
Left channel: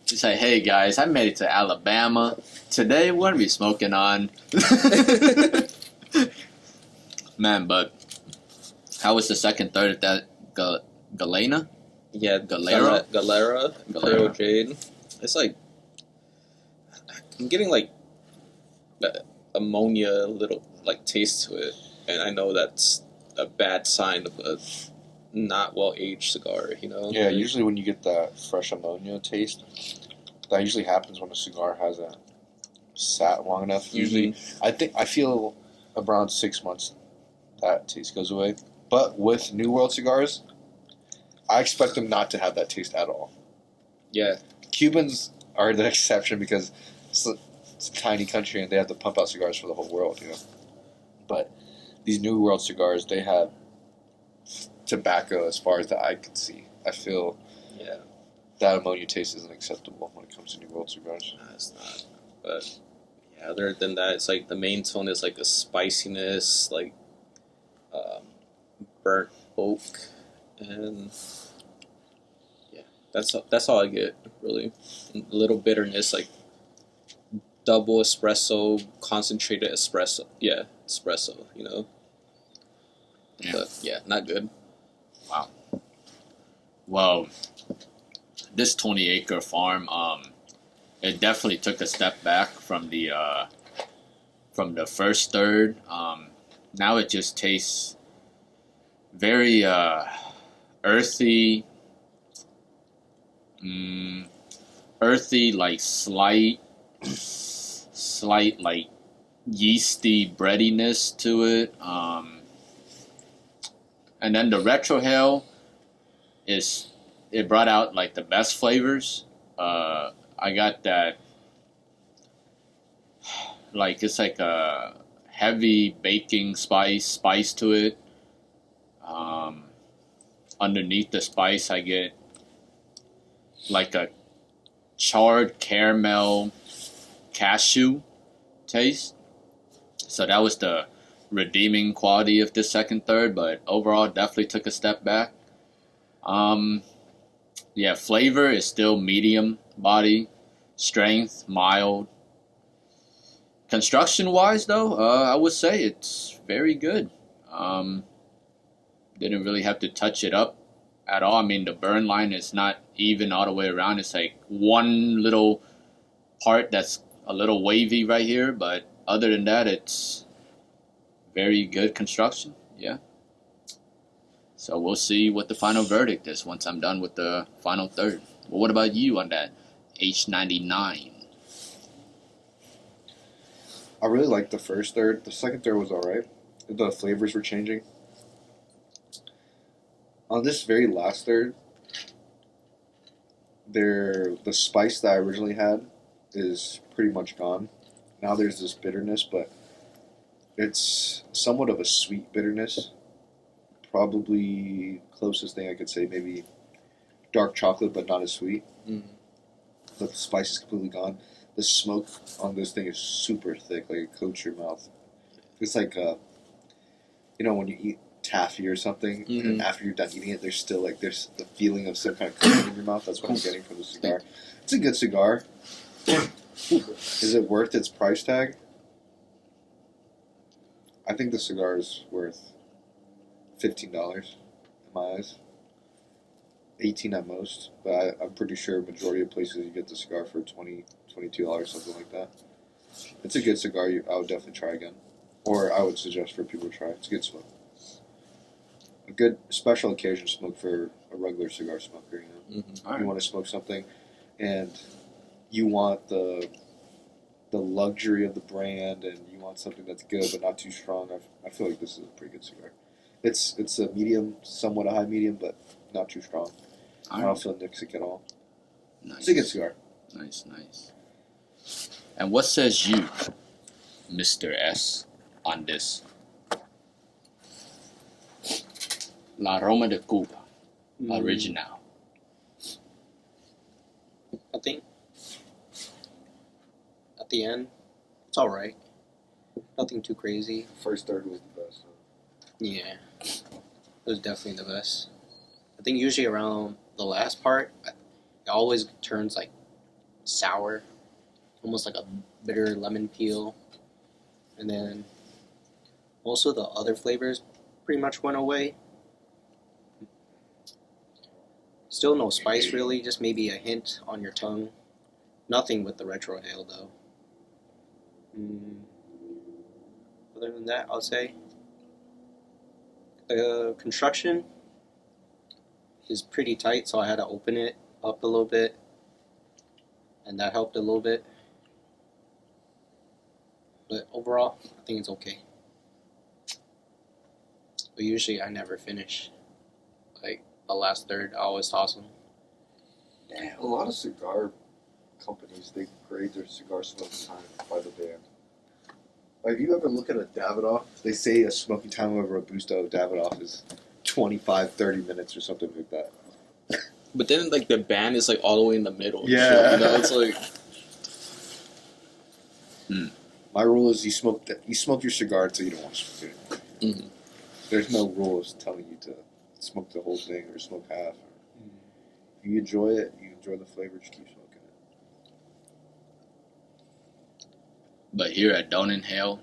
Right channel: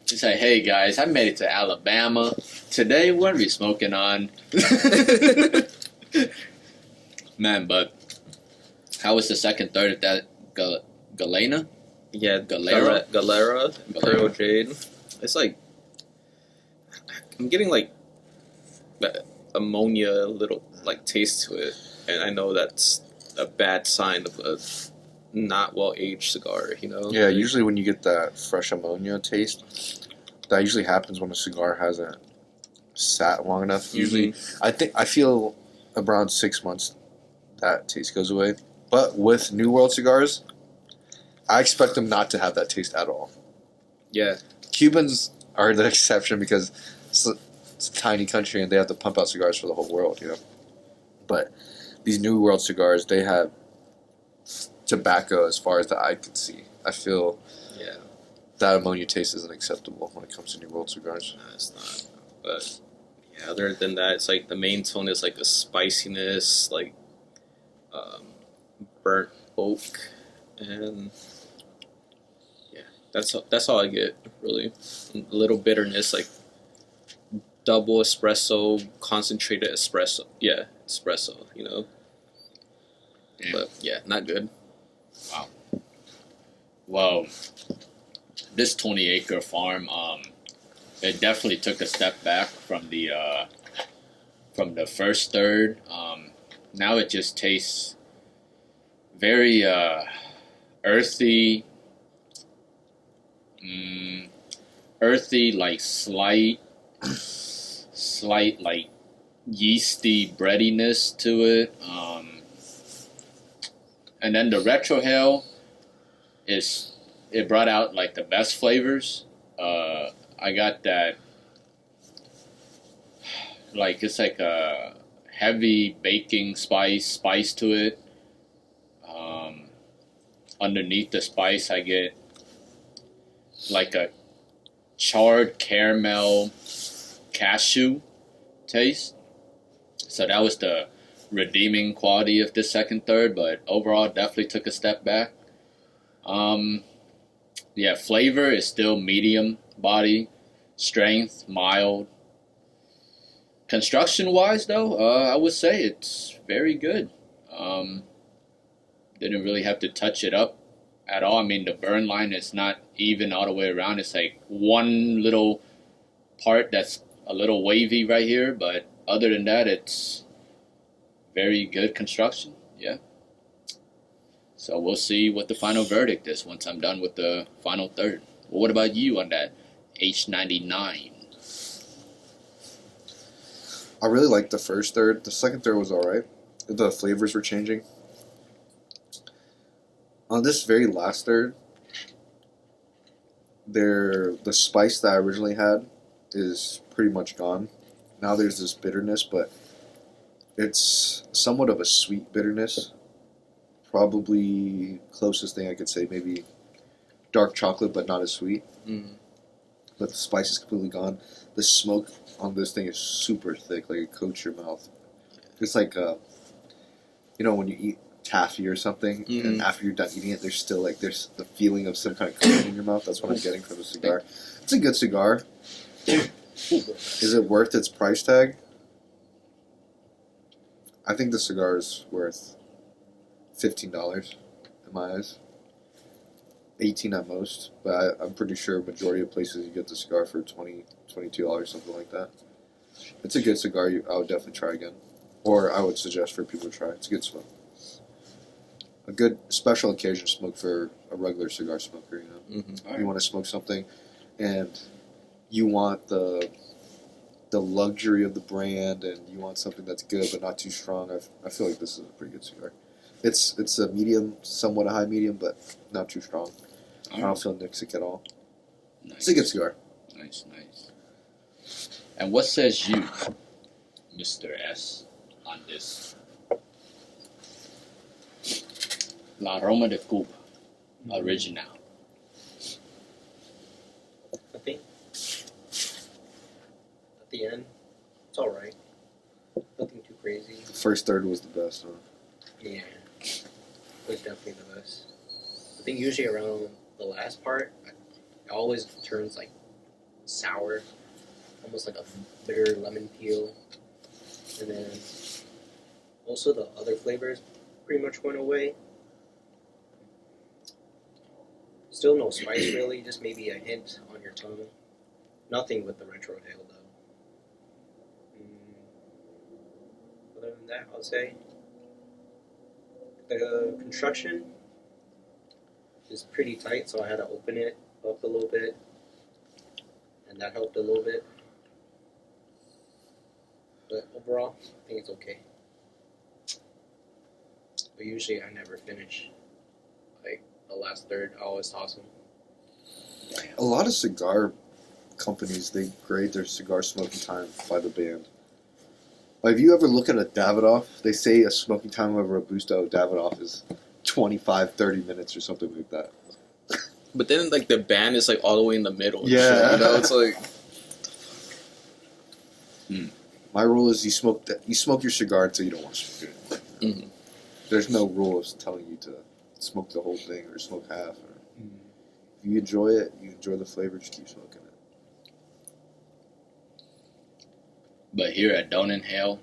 You say, hey guys, I made it to Alabama. Today we're gonna be smoking on. Man, but how was the second, third at that Galena? yeah, Galera? Galera Imperial Jade. It's like, I'm getting like ammonia little like taste to it, and I know that's a bad sign of a not well aged cigar. Yeah, usually when you get that fresh ammonia taste, that usually happens when a cigar hasn't sat long enough. Usually, I feel around 6 months that taste goes away. But with New World cigars, I expect them not to have that taste at all. Yeah, Cubans are the exception because it's a tiny country and they have to pump out cigars for the whole world, But these New World cigars, they have tobacco as far as the eye can see. I feel yeah, that ammonia taste isn't acceptable when it comes to New World cigars. no, it's not. But Yeah, other than that, it's like the main tone is like a spiciness, like burnt oak, and yeah, that's all I get really. A little bitterness, like double espresso, concentrated espresso. Yeah, espresso. You know, Yeah. but yeah, not good. Wow. Well, this 20-acre farm, it definitely took a step back from the first third. Now it just tastes very earthy, earthy, like slight like yeasty breadiness to it. And then the retrohale it brought out like the best flavors. I got that, like it's like a heavy baking spice to it. Underneath the spice, I get like a charred caramel cashew taste. So that was the redeeming quality of this second third, but overall definitely took a step back. Yeah, flavor is still medium body, strength mild. Construction wise though, I would say it's very good. Didn't really have to touch it up at all. I mean, the burn line is not even all the way around. It's like one little part that's a little wavy right here, but other than that, it's very good construction. Yeah. So we'll see what the final verdict is once I'm done with the final third. Well, what about you on that H99? I really liked the first third. The second third was alright. The flavors were changing. On this very last third, the spice that I originally had is pretty much gone. Now there's this bitterness, but it's somewhat of a sweet bitterness. Probably closest thing I could say, maybe dark chocolate, but not as sweet. But the spice is completely gone. The smoke on this thing is super thick, like it coats your mouth. It's like, when you eat taffy or something, and after you're done eating it, there's the feeling of some kind of coating in your mouth. That's what I'm getting from the cigar. It's a good cigar. Is it worth its price tag? I think the cigar is worth $15 in my eyes. 18 at most, but I'm pretty sure majority of places you get the cigar for $20, $22, something like that. It's a good cigar. I would definitely try again, or I would suggest for people to try. It's a good smoke. A good special occasion smoke for a regular cigar smoker. You want to smoke something, and you want the luxury of the brand, and you want something that's good but not too strong. I feel like this is a pretty good cigar. It's a medium, somewhat a high medium, but not too strong. I don't feel Nixic at all. Nice. It's a good cigar. Nice. And what says you, Mr. S, on this? La Roma de Cuba, original. I think at the end, it's alright. Nothing too crazy. The first third was the best. Huh? Yeah, it was definitely the best. I think usually around the last part, it always turns like sour, almost like a bitter lemon peel. And then also the other flavors pretty much went away. Still no spice really, just maybe a hint on your tongue. Nothing with the retrohale though. Other than that, I'll say the construction is pretty tight, so I had to open it up a little bit, and that helped a little bit. But overall, I think it's okay. But usually I never finish. Like the last third, I always toss them. A lot of cigar companies, they grade their cigar smoking time by the band. Like, if you ever look at a Davidoff, they say a smoking time of a Robusto Davidoff is 25, 30 minutes or something like that. But then, like, the band is, like, all the way in the middle. And Yeah. shit, it's like... My rule is you smoke your cigar until you don't want to smoke it. Mm-hmm. There's no rules telling you to smoke the whole thing or smoke half. If you enjoy it, you enjoy the flavor, just keep smoking it. But here at Don't Inhale,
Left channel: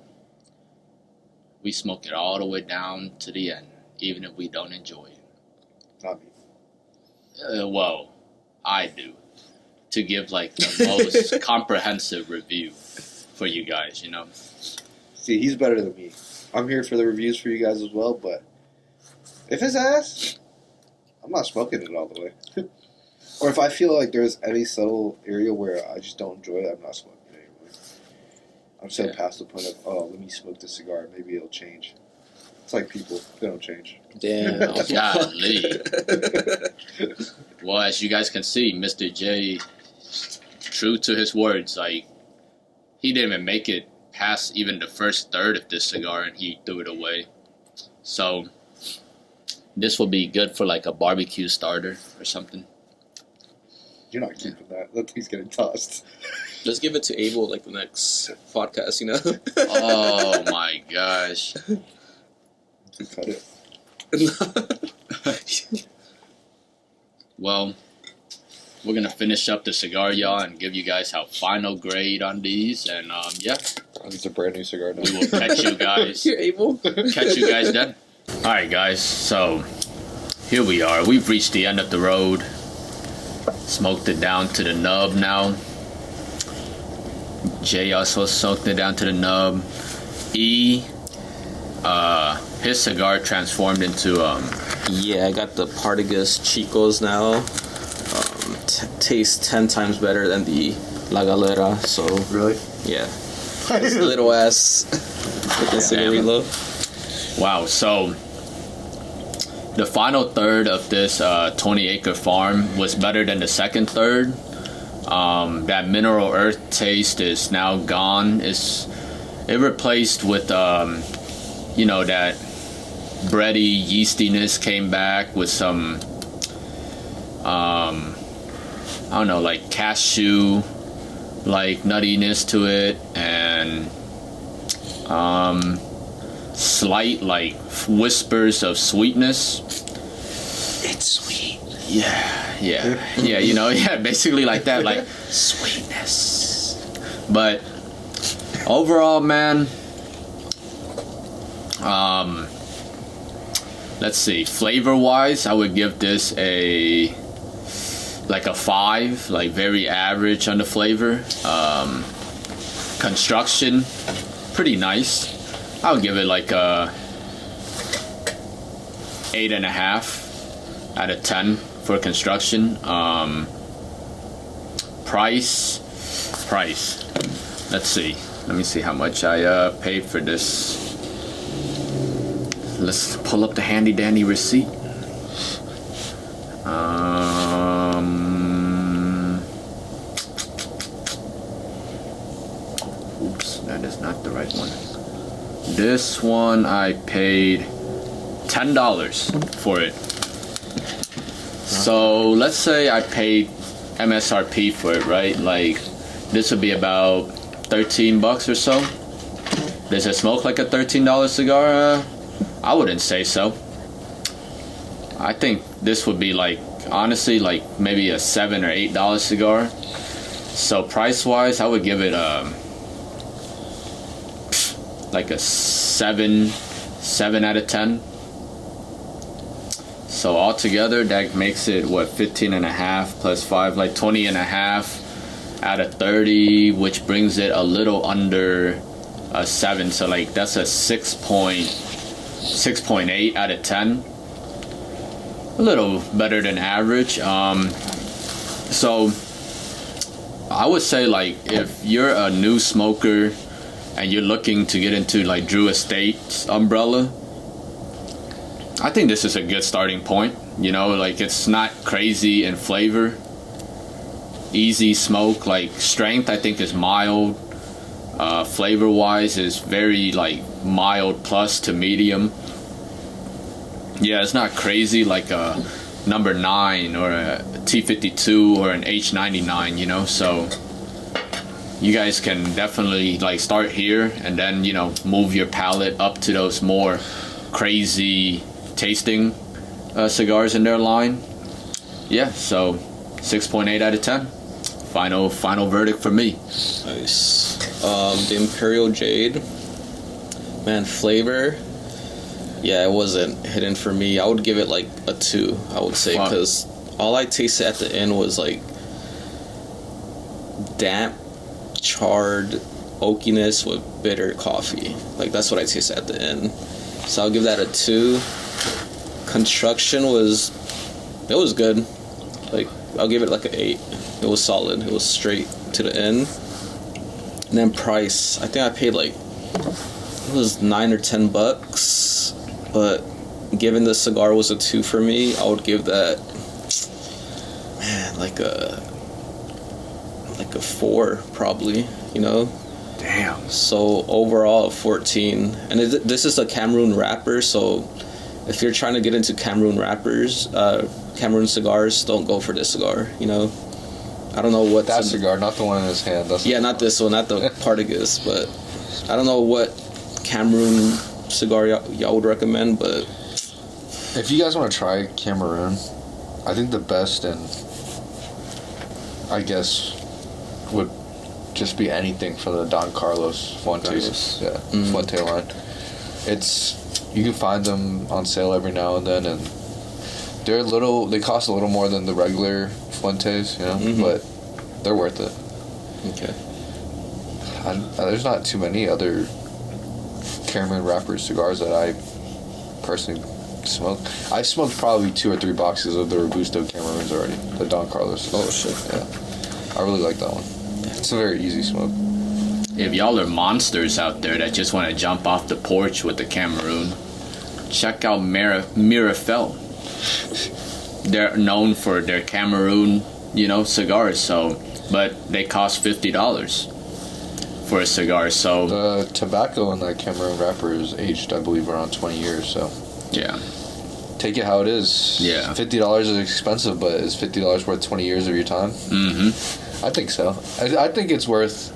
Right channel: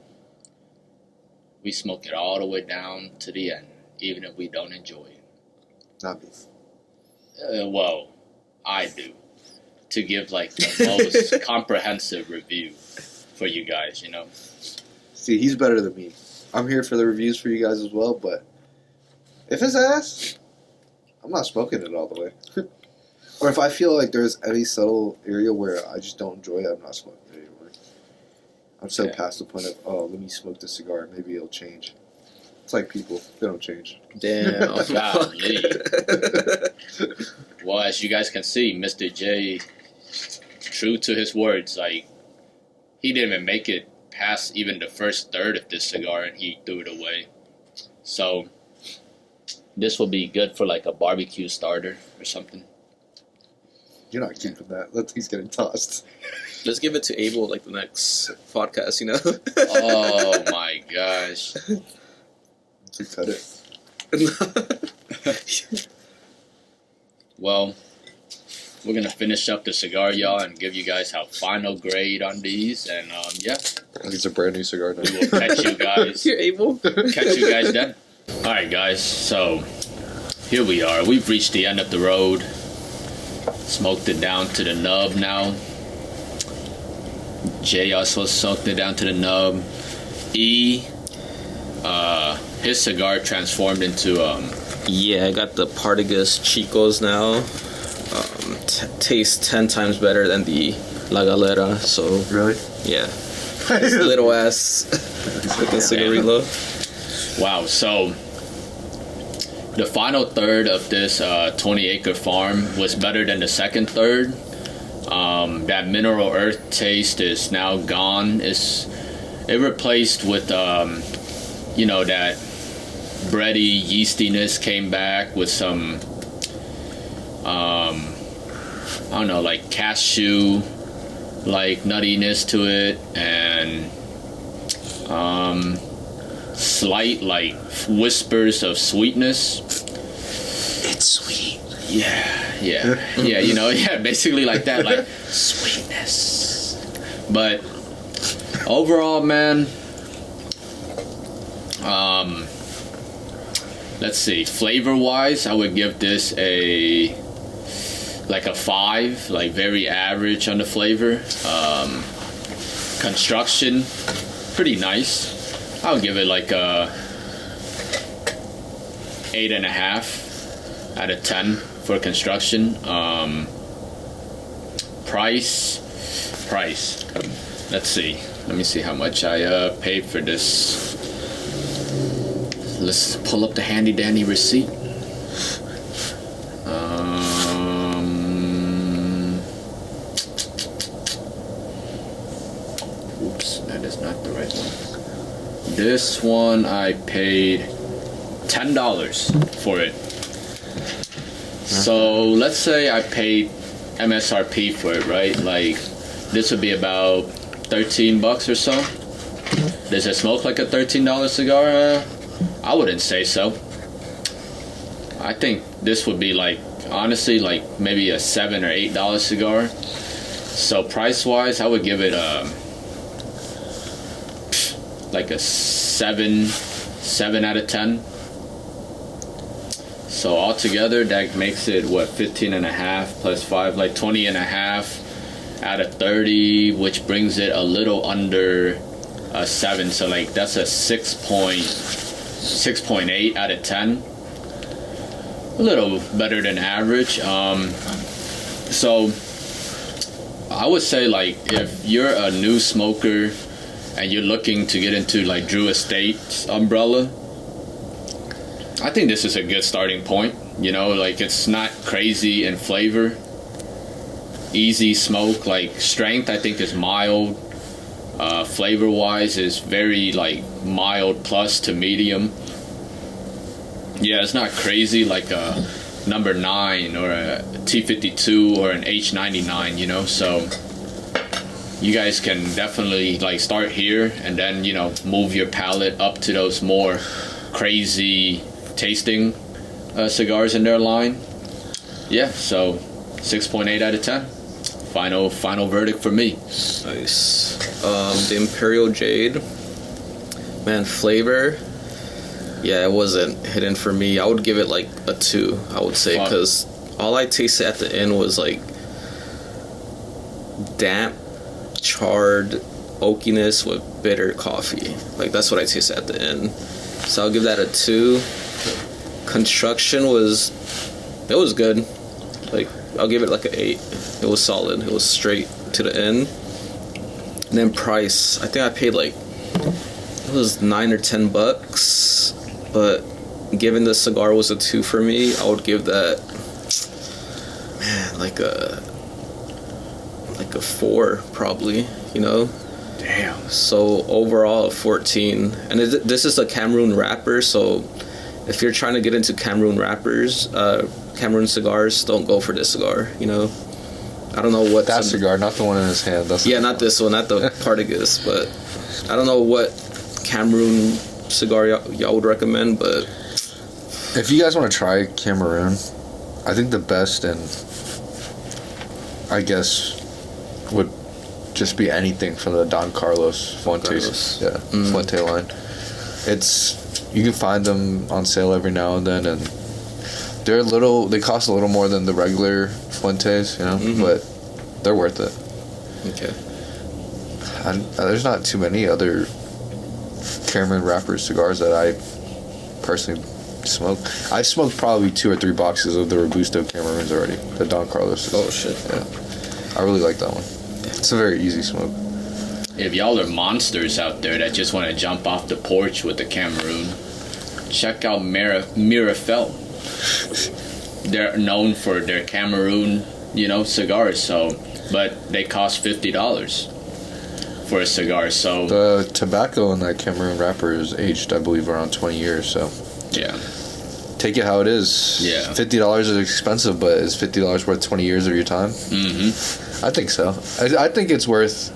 we smoke it all the way down to the end, even if we don't enjoy it. Not me. Well, I do. To give like the most comprehensive review for you guys, you know. See, he's better than me. I'm here for the reviews for you guys as well, but if it's ass, I'm not smoking it all the way. Or if I feel like there's any subtle area where I just don't enjoy it, I'm not smoking it anymore. I'm so past the point of, oh, let me smoke this cigar, maybe it'll change. It's like people, they don't change. Damn. Golly. Well, as you guys can see, Mr. J, true to his words, like, he didn't even make it past even the first third of this cigar and he threw it away. So, this will be good for like a barbecue starter or something. You're not keeping that. He's getting tossed. Let's give it to Abel like the next podcast, you know? Oh my gosh. Cut it. Well, we're going to finish up the cigar, y'all, and give you guys our final grade on these. And, yeah. These are brand new cigar now. We will catch you guys. You're Abel. Catch you guys then. Alright, guys. So, here we are. We've reached the end of the road. Smoked it down to the nub now. Jay also smoked it down to the nub. His cigar transformed into Yeah, I got the Partagas Chicos now. Tastes 10 times better than the La Galera, so Really? yeah. Little ass fucking cigarillo. wow. So the final third of this 20 Acre Farm was better than the second third. That mineral earth taste is now gone. It replaced with you know, that bready yeastiness came back with some I don't know, like cashew like nuttiness to it, and slight like whispers of sweetness. It's sweet. Yeah, you know, basically like that, like sweetness. But overall, man, let's see, flavor wise, I would give this a 5, like very average on the flavor. Construction, pretty nice. I would give it like a 8.5 out of 10 for construction. Price. Let's see. Let me see how much I paid for this. Let's pull up the handy dandy receipt. Oops, that is not the right one. This one I paid $10 for it. So let's say I paid MSRP for it, right? Like this would be about $13 or so. Does it smoke like a $13 cigar? I wouldn't say so. I think this would be like, honestly, like maybe a $7 or $8 cigar. So price wise, I would give it like a 7 out of 10. So altogether, that makes it what, 15.5 plus 5, like 20.5 out of 30, which brings it a little under a 7. So like that's a 6.8 out of 10. A little better than average. So I would say, like, if you're a new smoker and you're looking to get into like Drew Estate's umbrella, I think this is a good starting point. You know, like it's not crazy in flavor, easy smoke, like strength I think is mild. Flavor wise is very like mild plus to medium. Yeah, it's not crazy like a number 9 or a T52 or an H99, you know. So you guys can definitely like start here and then move your palate up to those more crazy tasting cigars in their line. Yeah, so 6.8 out of 10. Final verdict for me. Nice. The Imperial Jade, man, flavor. Yeah, it wasn't hitting for me. I would give it like a 2. I would say, because all I tasted at the end was like damp, charred oakiness with bitter coffee. Like that's what I tasted at the end. So I'll give that a 2. Construction was good. Like I'll give it like an 8. It was solid. It was straight to the end. And then price, I think I paid like it was $9 or $10. But given the cigar was a 2 for me, I would give that, man, like a 4 probably. Damn. So overall, 14. And this is a Cameroon wrapper, so if you're trying to get into Cameroon wrappers, Cameroon cigars, don't go for this cigar. I don't know what that cigar, not the one in his hand. Yeah, not this one, not the Partagas, but I don't know what Cameroon cigar y'all would recommend, but if you guys want to try Cameroon, I think the best, and I guess would just be anything from the Don Carlos Fuentes, Fuente line. You can find them on sale every now and then, and they cost a little more than the regular Fuentes, but they're worth it. Okay. There's not too many other Cameroon wrapper cigars that I personally smoke. I smoked probably 2 or 3 boxes of the Robusto Cameroons already. The Don Carlos. Oh shit! Yeah, I really like that one. It's a very easy smoke. If y'all are monsters out there that just want to jump off the porch with the Cameroon, check out Mirafel. They're known for their Cameroon, cigars. But they cost $50 for a cigar. So the tobacco in that Cameroon wrapper is aged, I believe, around 20 years. So yeah, take it how it is. Yeah, $50 is expensive, but is $50 worth 20 years of your time? I think so. I think it's worth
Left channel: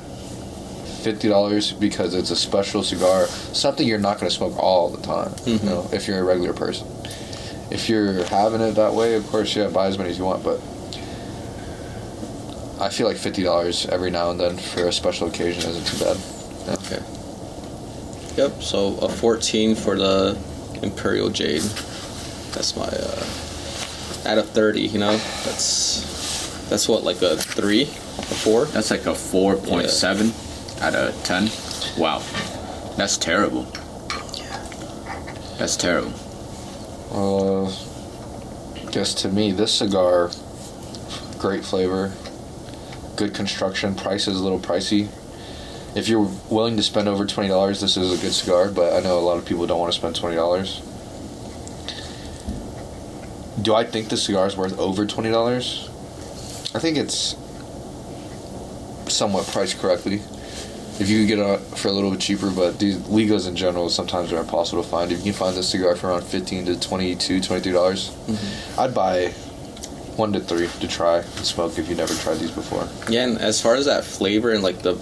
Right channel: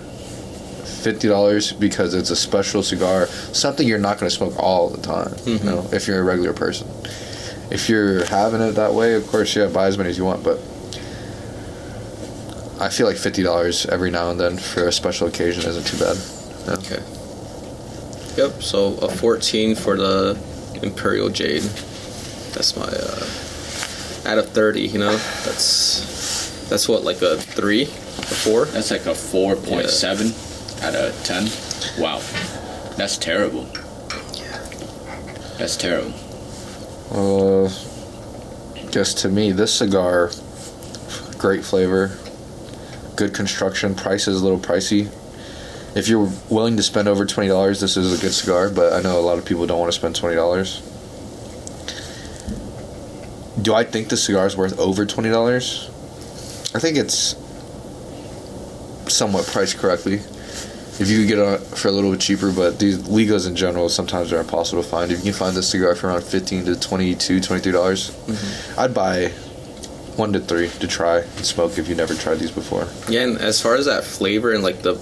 $50 because it's a special cigar, something you're not going to smoke all the time. If you're a regular person. If you're having it that way, of course, buy as many as you want, but I feel like $50 every now and then for a special occasion isn't too bad. Yeah. Okay. Yep, so a 14 for the Imperial Jade. That's my, out of 30, that's what, like a 3, a 4? That's like a 4.7 out of 10. Wow. That's terrible. Yeah. That's terrible. Guess to me, this cigar, great flavor, good construction, price is a little pricey. If you're willing to spend over $20, this is a good cigar, but I know a lot of people don't want to spend $20. Do I think the cigar is worth over $20? I think it's somewhat priced correctly. If you could get it for a little bit cheaper, but these Ligas in general sometimes are impossible to find. If you can find this cigar for around $15 to $22, $23, I'd buy 1 to 3 to try and smoke if you never tried these before. Yeah, and as far as that flavor and like the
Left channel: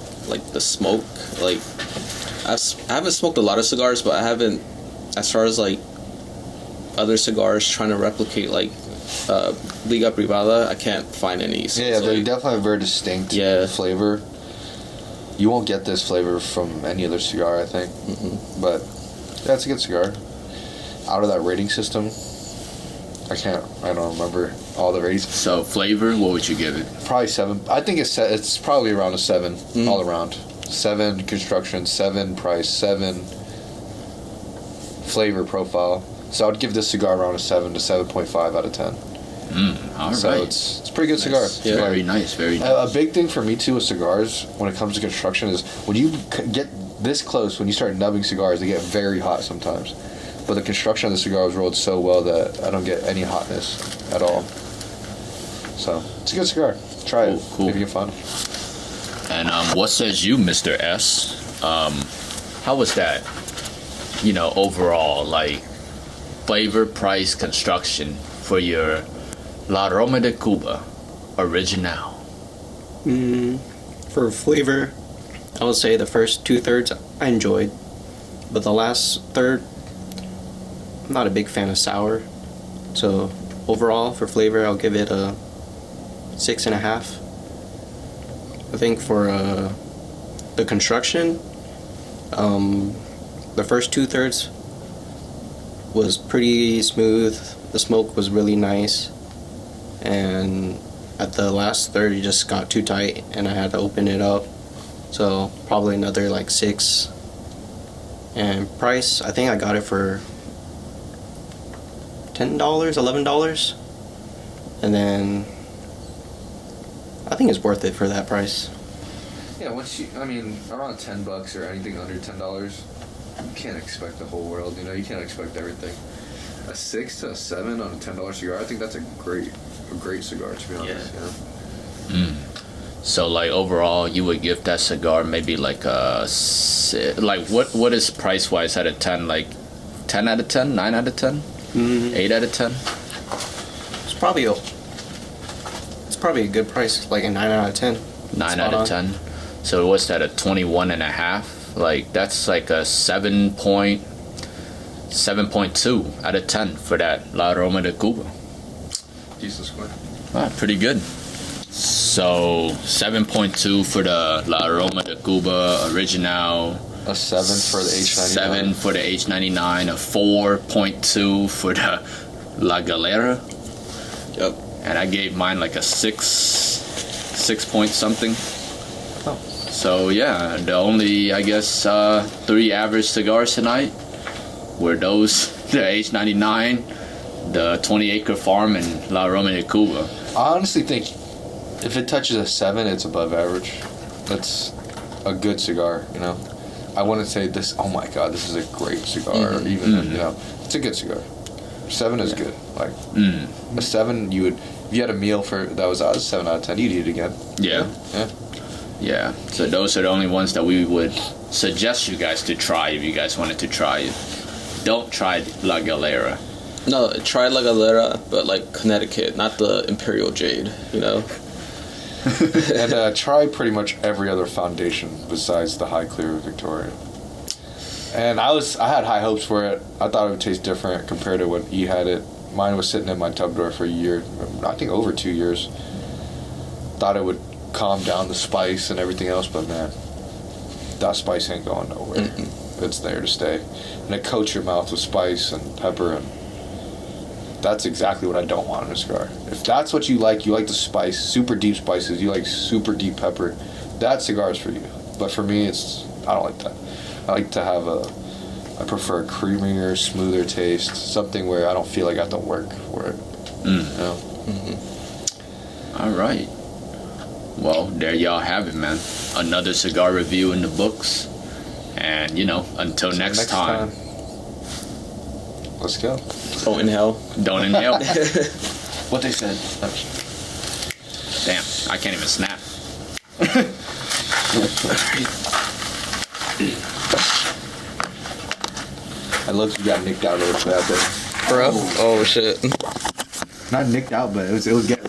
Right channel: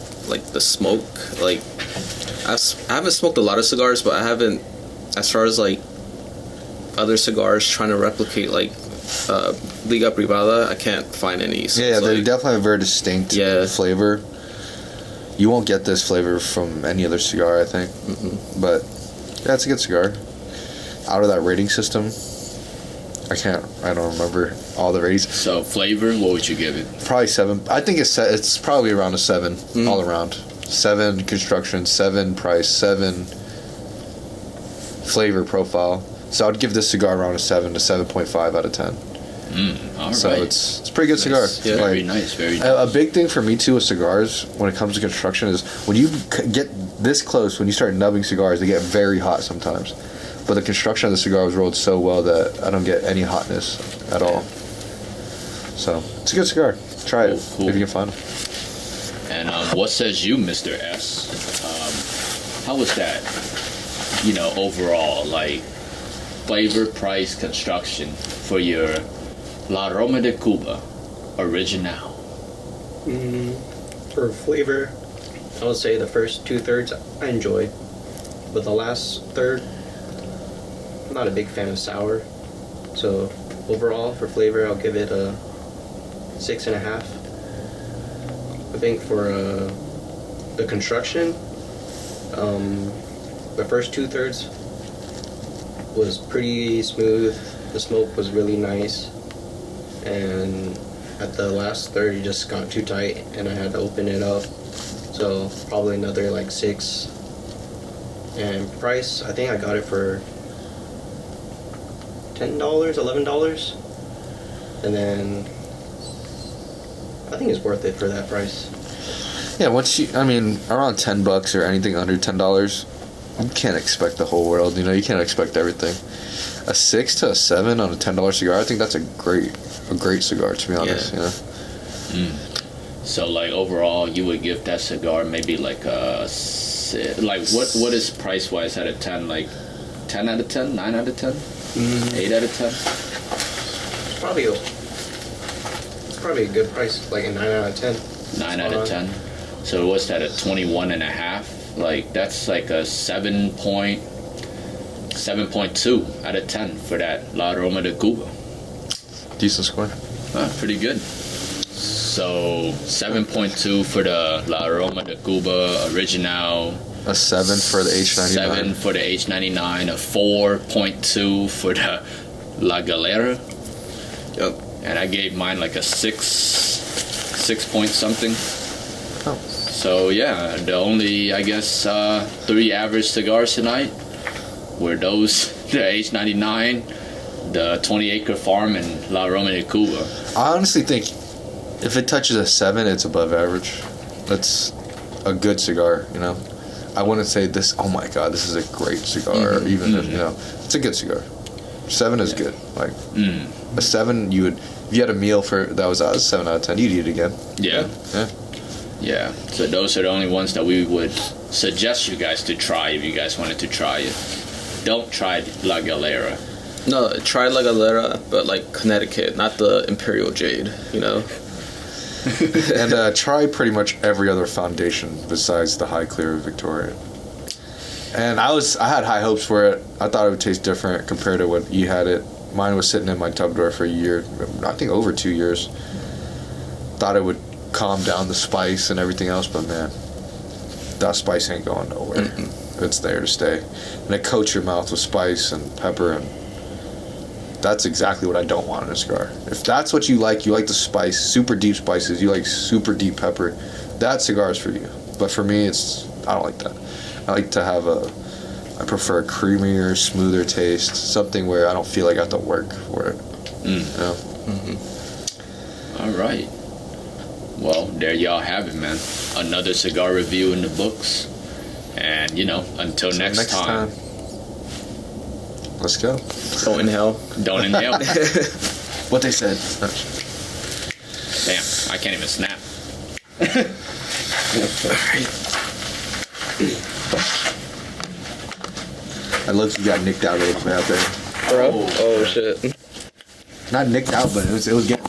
smoke, like I haven't smoked a lot of cigars, but I haven't, as far as like other cigars trying to replicate like Liga Privada, I can't find any. So yeah, they definitely have a very distinct flavor. You won't get this flavor from any other cigar, I think. But yeah, it's a good cigar. Out of that rating system, I don't remember all the ratings. So flavor, what would you give it? Probably 7. I think it's probably around a 7 all around. 7 construction, 7 price, 7 flavor profile. So I'd give this cigar around a 7 to 7.5 out of 10. All right. So it's a pretty good cigar. Yeah, very nice, very nice. A big thing for me too with cigars when it comes to construction is when you get this close, when you start nubbing cigars, they get very hot sometimes. But the construction of the cigar was rolled so well that I don't get any hotness at all. So it's a good cigar. Try it if you can find it. And what says you, Mr. S? How was that? Overall, like flavor, price, construction for your La Roma de Cuba original. For flavor, I would say the first 2/3 I enjoyed, but the last third, I'm not a big fan of sour. So overall, for flavor, I'll give it a 6.5. I think for the construction, the first 2/3 was pretty smooth. The smoke was really nice, and at the last third, it just got too tight, and I had to open it up. So probably another like 6. And price, I think I got it for $10, $11, and then I think it's worth it for that price. Yeah, around $10 or anything under $10, you can't expect the whole world. You can't expect everything. A 6 to a 7 on a $10 cigar, I think that's a great cigar, to be honest. Yeah. So like overall, you would give that cigar maybe like a what is price wise out of 10? Like 10 out of 10, 9 out of 10, 8 out of 10. It's probably a good price, like a 9 out of 10. 9 out of 10. So what's that, a 21.5? Like that's like a 7.2 out of 10 for that La Aroma de Cuba. Decent score. Pretty good. So 7.2 for the La Aroma de Cuba Original. A 7 for the H99. 7 for the H99. A 4.2 for the La Galera. Yep. And I gave mine like a 6 point something. Oh. So yeah, the only, I guess, 3 average cigars tonight were those, the H99, the 20 Acre Farm, and La Aroma de Cuba. I honestly think if it touches a 7, it's above average. That's a good cigar, I wouldn't say this, oh my god, this is a great cigar, or even, it's a good cigar. 7 is good. Like, a 7, if you had a meal that was a 7 out of 10, you'd eat it again. Yeah. Yeah. So those are the only ones that we would suggest you guys to try if you guys wanted to try it. Don't try La Galera. No, try La Galera, but like Connecticut, not the Imperial Jade, And try pretty much every other foundation besides the High Clear Victorian. And I had high hopes for it. I thought it would taste different compared to when he had it. Mine was sitting in my tub drawer for a year, I think over 2 years. Thought it would calm down the spice and everything else, but man, that spice ain't going nowhere. It's there to stay. And it coats your mouth with spice and pepper, and that's exactly what I don't want in a cigar. If that's what you like the spice, super deep spices, you like super deep pepper, that cigar is for you. But for me, I don't like that. I like to have I prefer a creamier, smoother taste, something where I don't feel like I have to work for it. All right. Well, there y'all have it, man. Another cigar review in the books. And, until next time. Let's go. Don't inhale. Don't inhale. What they said. Damn, I can't even snap. I love you got nicked out a little bit out there. Bro. Oh shit. Not nicked out, but it was getting